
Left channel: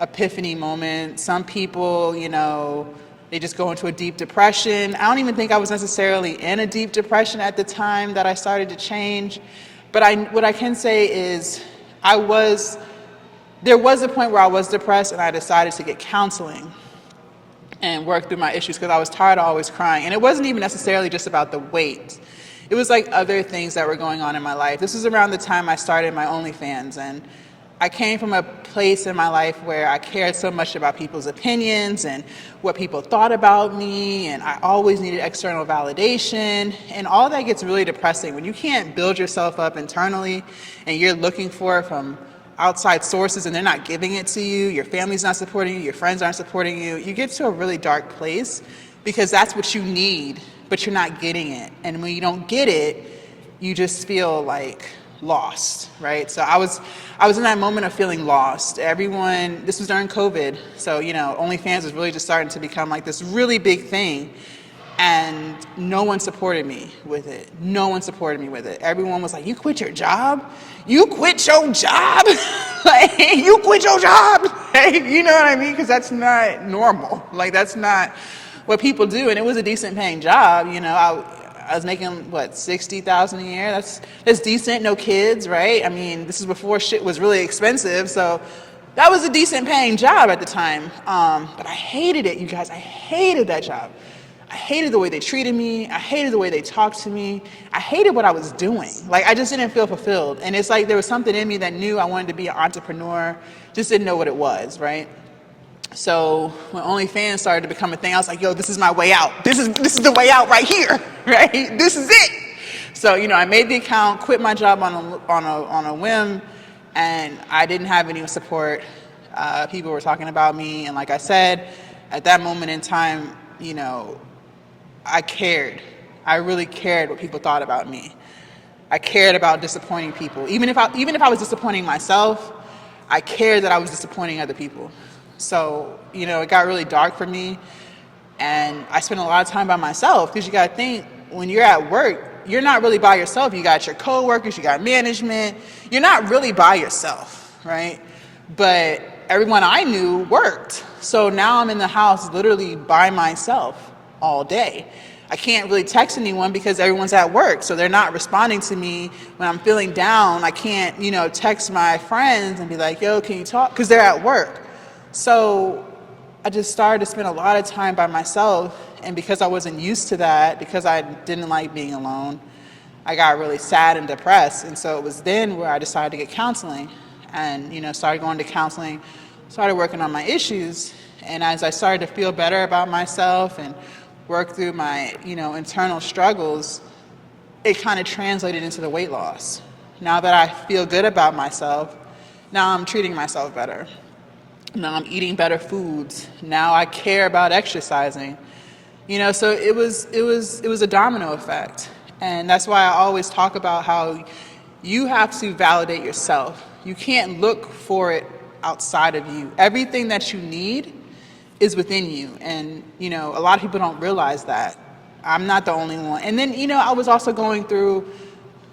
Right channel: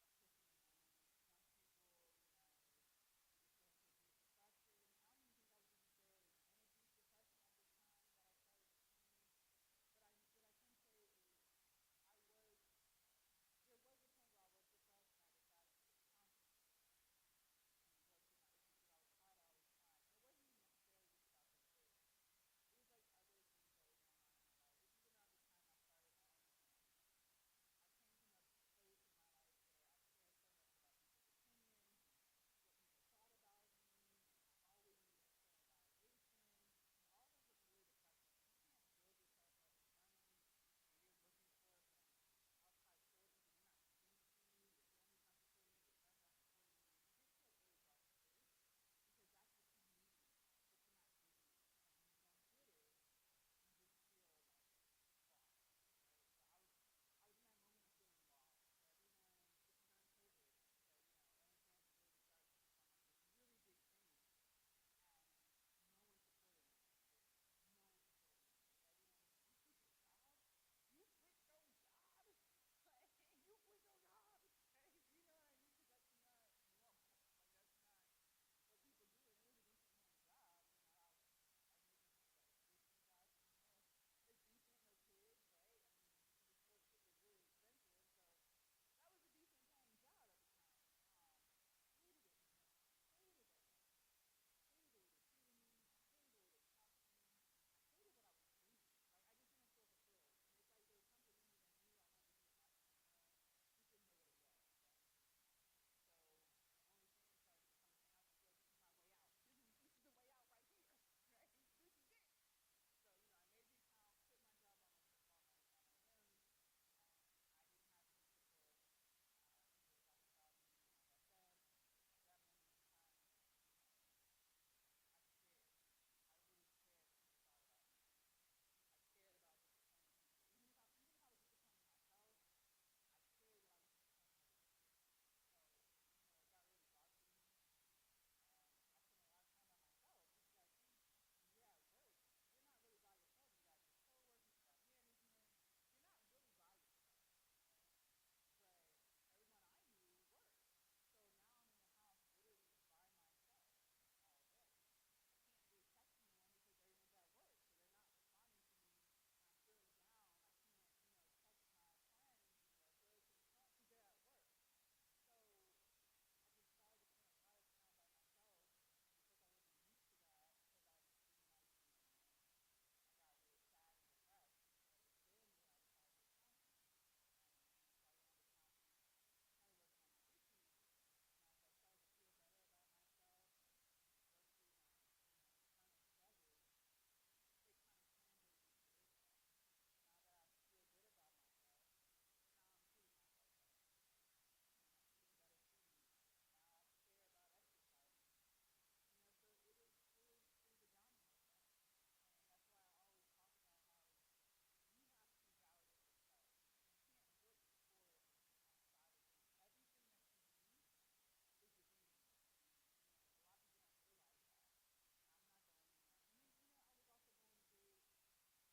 epiphany moment. Some people, you know, they just go into a deep depression. I don't even think I was necessarily in a deep depression at the time that I started to change. But what I can say is there was a point where I was depressed and I decided to get counseling and work through my issues because I was tired of always crying. And it wasn't even necessarily just about the weight. It was like other things that were going on in my life. This was around the time I started my OnlyFans, and I came from a place in my life where I cared so much about people's opinions and what people thought about me, and I always needed external validation, and all that gets really depressing. When you can't build yourself up internally and you're looking for it from outside sources and they're not giving it to you, your family's not supporting you, your friends aren't supporting you, you get to a really dark place because that's what you need, but you're not getting it. And when you don't get it, you just feel like lost, right? So I was in that moment of feeling lost. This was during COVID, so, you know, OnlyFans was really just starting to become like this really big thing, and no one supported me with it. No one supported me with it. Everyone was like, you quit your job? You quit your job? Like, you quit your job? Like, you know what I mean? Because that's not normal. Like, that's not what people do. And it was a decent paying job, you know. I was making, $60,000 a year? That's decent, no kids, right? I mean, this is before shit was really expensive, so that was a decent paying job at the time. But I hated it, you guys. I hated that job. I hated the way they treated me. I hated the way they talked to me. I hated what I was doing. Like, I just didn't feel fulfilled. And it's like there was something in me that knew I wanted to be an entrepreneur, just didn't know what it was, right? So when OnlyFans started to become a thing, I was like, yo, this is my way out. This is the way out right here, right? This is it. So, you know, I made the account, quit my job on a whim, and I didn't have any support. People were talking about me, and like I said, at that moment in time, you know, I cared. I really cared what people thought about me. I cared about disappointing people. Even if I was disappointing myself, I cared that I was disappointing other people. So, you know, it got really dark for me, and I spent a lot of time by myself, because you got to think, when you're at work, you're not really by yourself. You got your coworkers, you got management. You're not really by yourself, right? But everyone I knew worked. So now I'm in the house literally by myself all day. I can't really text anyone because everyone's at work, so they're not responding to me when I'm feeling down. I can't, you know, text my friends and be like, yo, can you talk? Because they're at work. So I just started to spend a lot of time by myself, and because I wasn't used to that, because I didn't like being alone, I got really sad and depressed. And so it was then where I decided to get counseling, and, you know, started going to counseling, started working on my issues. And as I started to feel better about myself and work through my, you know, internal struggles, it kind of translated into the weight loss. Now that I feel good about myself, now I'm treating myself better. Now I'm eating better foods. Now I care about exercising. You know, so it was a domino effect. And that's why I always talk about how you have to validate yourself. You can't look for it outside of you. Everything that you need is within you. And, you know, a lot of people don't realize that. I'm not the only one. And then, you know, I was also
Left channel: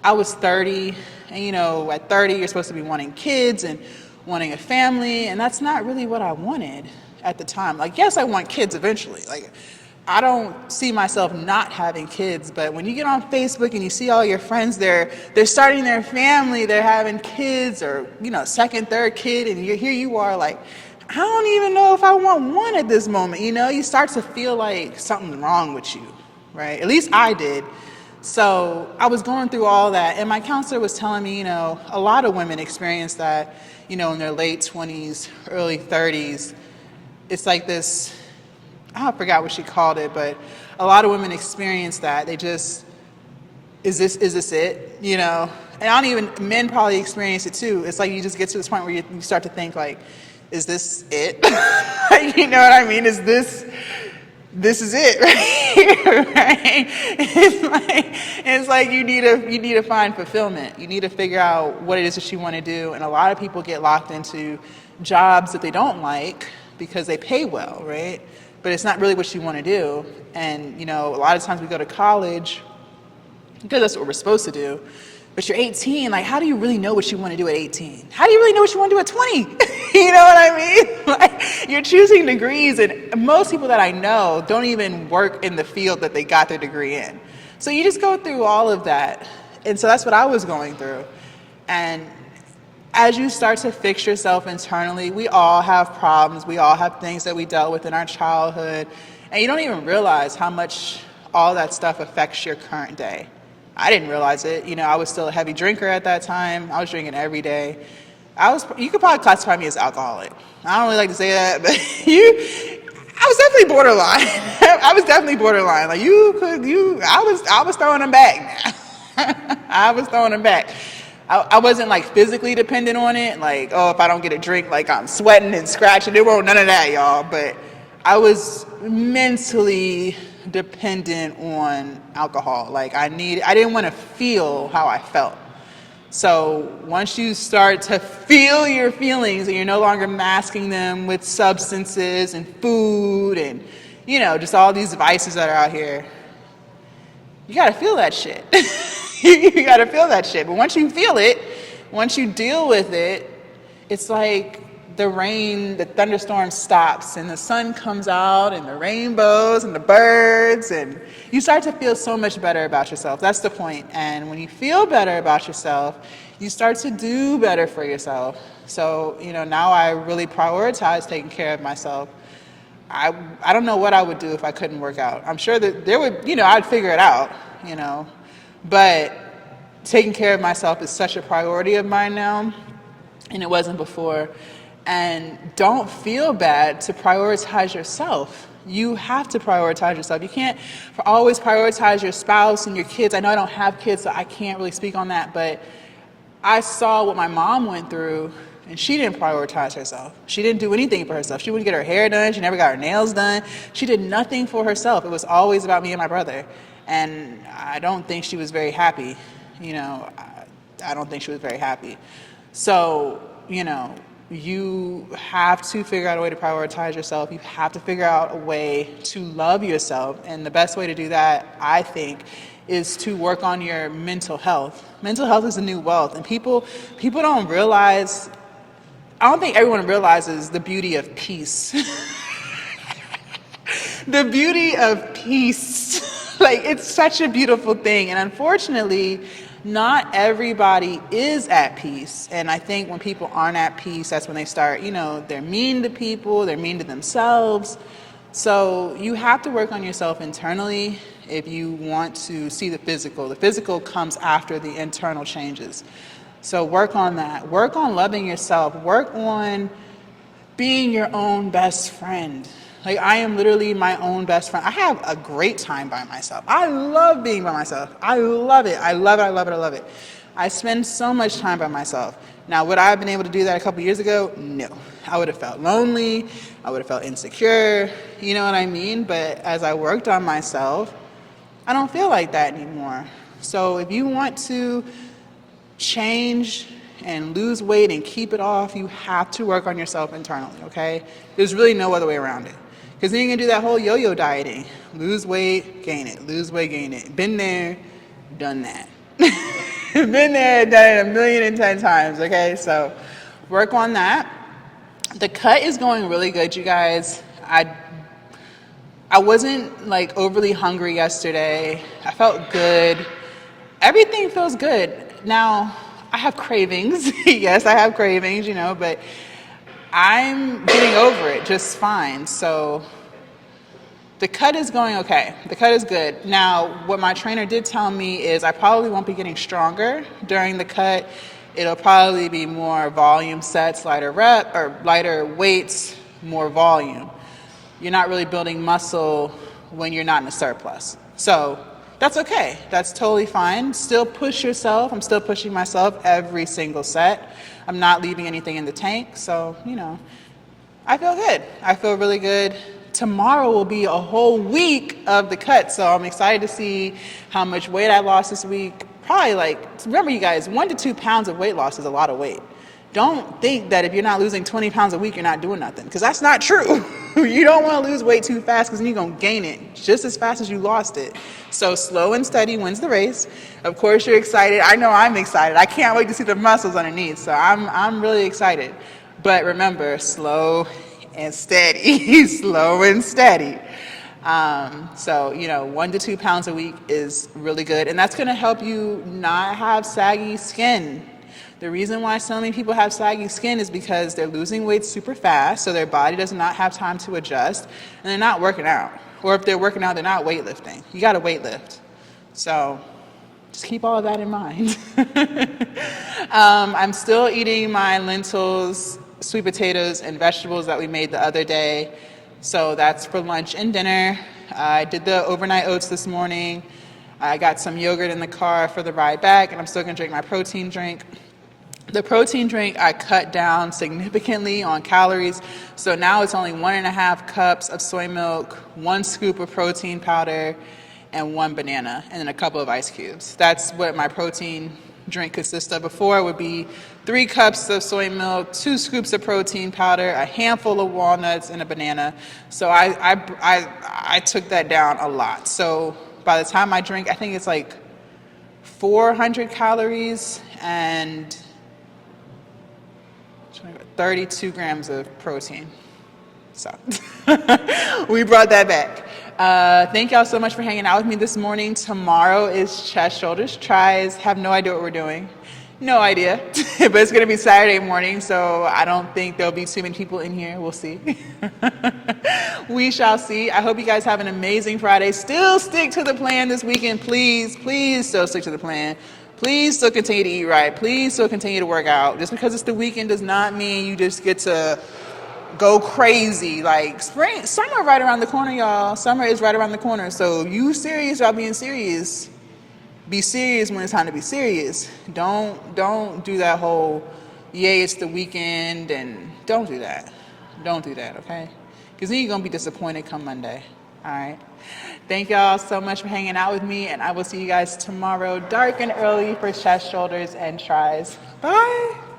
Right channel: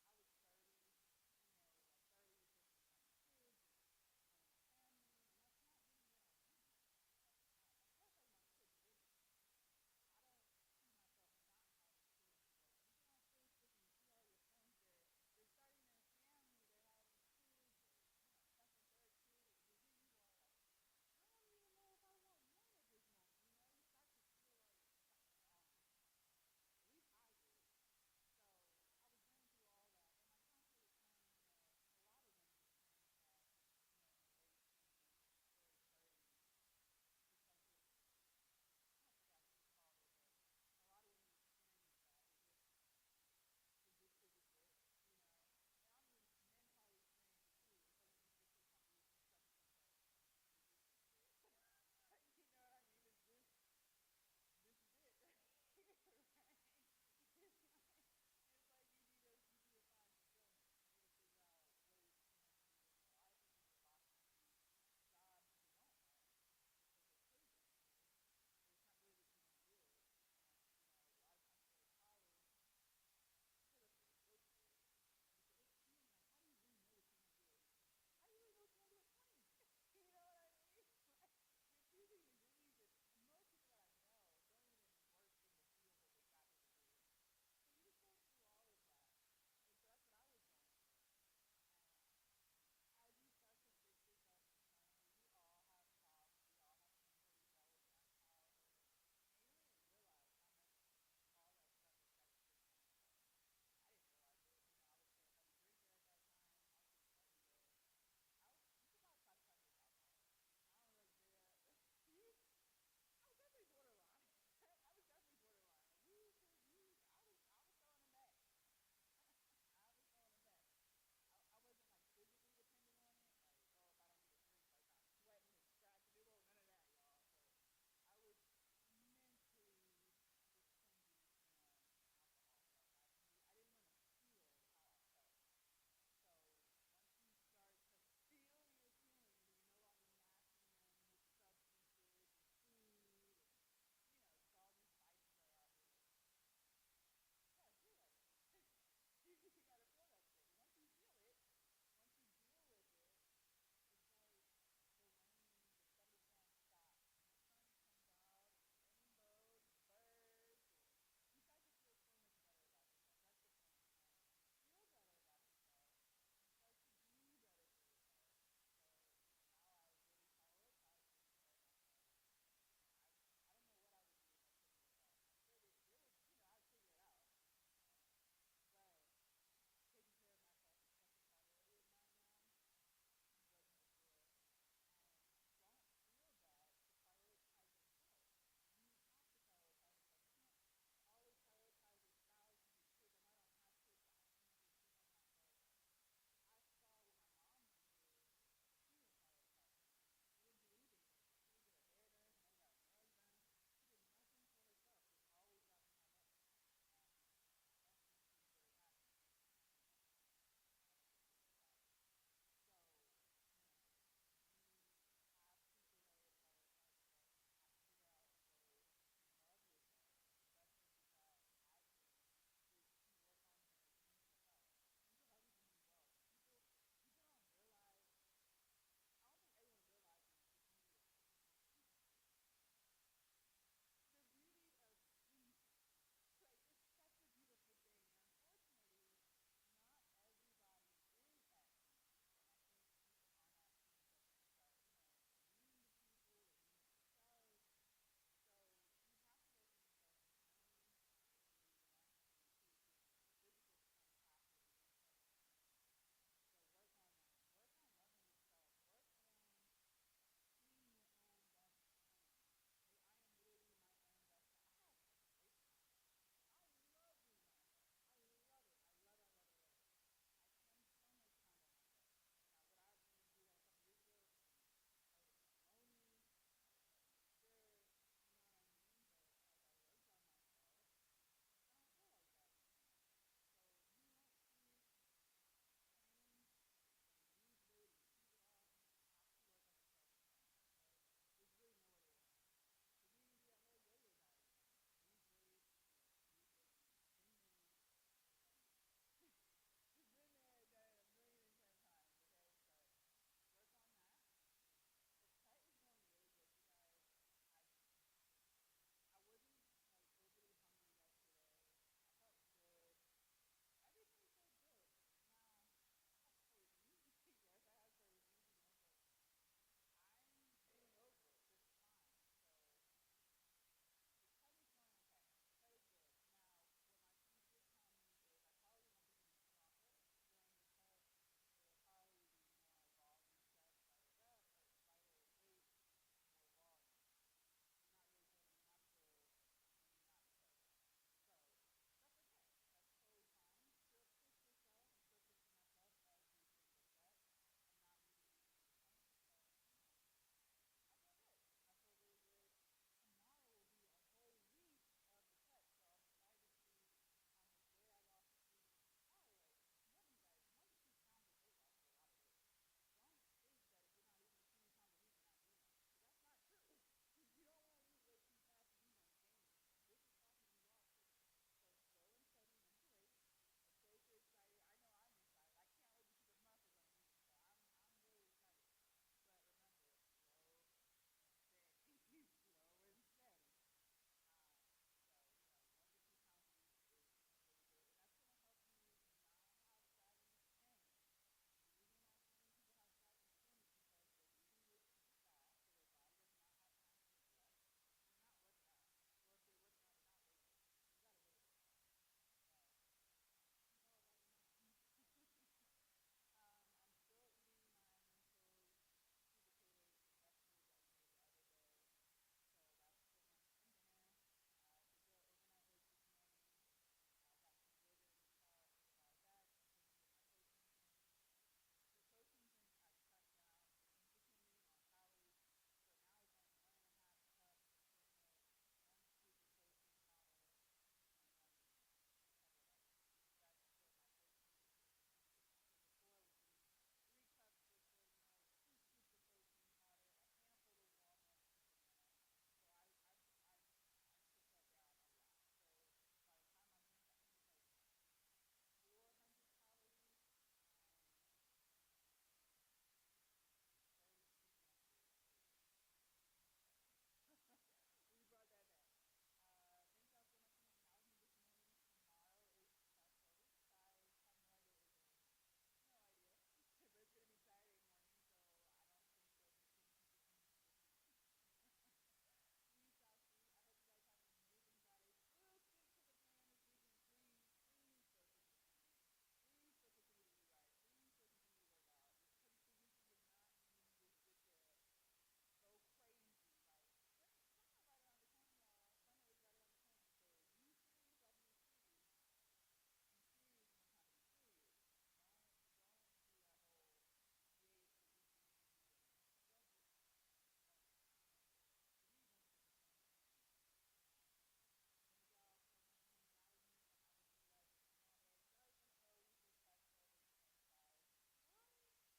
I was 30, and, you know, at 30, you're supposed to be wanting kids and wanting a family, and that's not really what I wanted at the time. Like, yes, I want kids eventually. Like, I don't see myself not having kids, but when you get on Facebook and you see all your friends, they're starting their family, they're having kids, or, you know, second, third kid, and here you are like, I don't even know if I want one at this moment. You know, you start to feel like something's wrong with you. right? At least I did. So I was going through all that, and my counselor was telling me, a lot of women experience that, in their late 20s, early 30s. It's like this, I forgot what she called it, but a lot of women experience that. They just, is this it? And I don't even, men probably experience it too. It's like you just get to this point where you start to think like, is this it? You know what I mean? This is it, right? Right? It's like you need to find fulfillment. You need to figure out what it is that you want to do. And a lot of people get locked into jobs that they don't like because they pay well, right? But it's not really what you want to do. And a lot of times we go to college because that's what we're supposed to do. But you're 18, like, how do you really know what you want to do at 18? How do you really know what you want to do at 20? You know what I mean? Like, you're choosing degrees, and most people that I know don't even work in the field that they got their degree in. So you just go through all of that. And so that's what I was going through. And as you start to fix yourself internally, we all have problems. We all have things that we dealt with in our childhood. And you don't even realize how much all that stuff affects your current day. I didn't realize it. I was still a heavy drinker at that time. I was drinking every day. You could probably classify me as alcoholic. I don't really like to say that, but I was definitely borderline. I was definitely borderline. Like I was throwing them back. I was throwing them back. I wasn't like physically dependent on it. Like, if I don't get a drink, like I'm sweating and scratching. There won't none of that, y'all. But I was mentally dependent on alcohol. Like I didn't want to feel how I felt. So once you start to feel your feelings and you're no longer masking them with substances and food and, just all these vices that are out here, you got to feel that shit. You got to feel that shit. But once you feel it, once you deal with it, it's like the rain, the thunderstorm stops and the sun comes out and the rainbows and the birds, and you start to feel so much better about yourself. That's the point. And when you feel better about yourself, you start to do better for yourself. So, now I really prioritize taking care of myself. I don't know what I would do if I couldn't work out. I'm sure that there would, I'd figure it out, but taking care of myself is such a priority of mine now, and it wasn't before. And don't feel bad to prioritize yourself. You have to prioritize yourself. You can't always prioritize your spouse and your kids. I know I don't have kids, so I can't really speak on that, but I saw what my mom went through, and she didn't prioritize herself. She didn't do anything for herself. She wouldn't get her hair done. She never got her nails done. She did nothing for herself. It was always about me and my brother. And I don't think she was very happy. I don't think she was very happy. So, you have to figure out a way to prioritize yourself. You have to figure out a way to love yourself. And the best way to do that, I think, is to work on your mental health. Mental health is a new wealth. And people don't realize, I don't think everyone realizes the beauty of peace. The beauty of peace. Like, it's such a beautiful thing. And unfortunately, not everybody is at peace. And I think when people aren't at peace, that's when they start, they're mean to people, they're mean to themselves. So you have to work on yourself internally if you want to see the physical. The physical comes after the internal changes. So work on that. Work on loving yourself. Work on being your own best friend. Like, I am literally my own best friend. I have a great time by myself. I love being by myself. I love it. I love it. I love it. I love it. I spend so much time by myself. Now, would I have been able to do that a couple years ago? No. I would have felt lonely. I would have felt insecure. You know what I mean? But as I worked on myself, I don't feel like that anymore. So if you want to change and lose weight and keep it off, you have to work on yourself internally, okay? There's really no other way around it. Because then you can do that whole yo-yo dieting. Lose weight, gain it. Lose weight, gain it. Been there, done that. Been there, done it 1,010,000 times, okay? So work on that. The cut is going really good, you guys. I wasn't like overly hungry yesterday. I felt good. Everything feels good. Now, I have cravings. Yes, I have cravings, but I'm getting over it just fine. So The cut is going okay. The cut is good. Now, what my trainer did tell me is I probably won't be getting stronger during the cut. It'll probably be more volume sets, lighter rep or lighter weights, more volume. You're not really building muscle when you're not in a surplus. So that's okay. That's totally fine. Still push yourself. I'm still pushing myself every single set. I'm not leaving anything in the tank. So, I feel good. I feel really good. Tomorrow will be a whole week of the cut, so I'm excited to see how much weight I lost this week. Probably remember you guys, 1 to 2 pounds of weight loss is a lot of weight. Don't think that if you're not losing 20 pounds a week, you're not doing nothing, because that's not true. You don't want to lose weight too fast, because then you're going to gain it just as fast as you lost it. So slow and steady wins the race. Of course, you're excited. I know I'm excited. I can't wait to see the muscles underneath, so I'm really excited. But remember, slow and steady, slow and steady. So 1 to 2 pounds a week is really good, and that's going to help you not have saggy skin. The reason why so many people have saggy skin is because they're losing weight super fast, so their body does not have time to adjust, and they're not working out. Or if they're working out, they're not weightlifting. You got to weightlift. So just keep all of that in mind. I'm still eating my lentils, sweet potatoes, and vegetables that we made the other day. So that's for lunch and dinner. I did the overnight oats this morning. I got some yogurt in the car for the ride back, and I'm still gonna drink my protein drink. The protein drink, I cut down significantly on calories. So now it's only 1.5 cups of soy milk, 1 scoop of protein powder, and 1 banana, and then a couple of ice cubes. That's what my protein drink consists of. Before it would be 3 cups of soy milk, 2 scoops of protein powder, a handful of walnuts, and a banana. So I took that down a lot. So by the time I drink, I think it's 400 calories and 32 grams of protein. So we brought that back. Thank y'all so much for hanging out with me this morning. Tomorrow is chest, shoulders, tries. Have no idea what we're doing. No idea. But it's going to be Saturday morning, so I don't think there'll be too many people in here. We'll see. We shall see. I hope you guys have an amazing Friday. Still stick to the plan this weekend. Please, please still stick to the plan. Please still continue to eat right. Please still continue to work out. Just because it's the weekend does not mean you just get to go crazy. Summer right around the corner, y'all. Summer is right around the corner. So you serious about being serious. Be serious when it's time to be serious. Don't do that whole, yay, it's the weekend, and don't do that. Don't do that, okay? Because then you're going to be disappointed come Monday. All right? Thank y'all so much for hanging out with me, and I will see you guys tomorrow, dark and early, for chest, shoulders, and tries. Bye.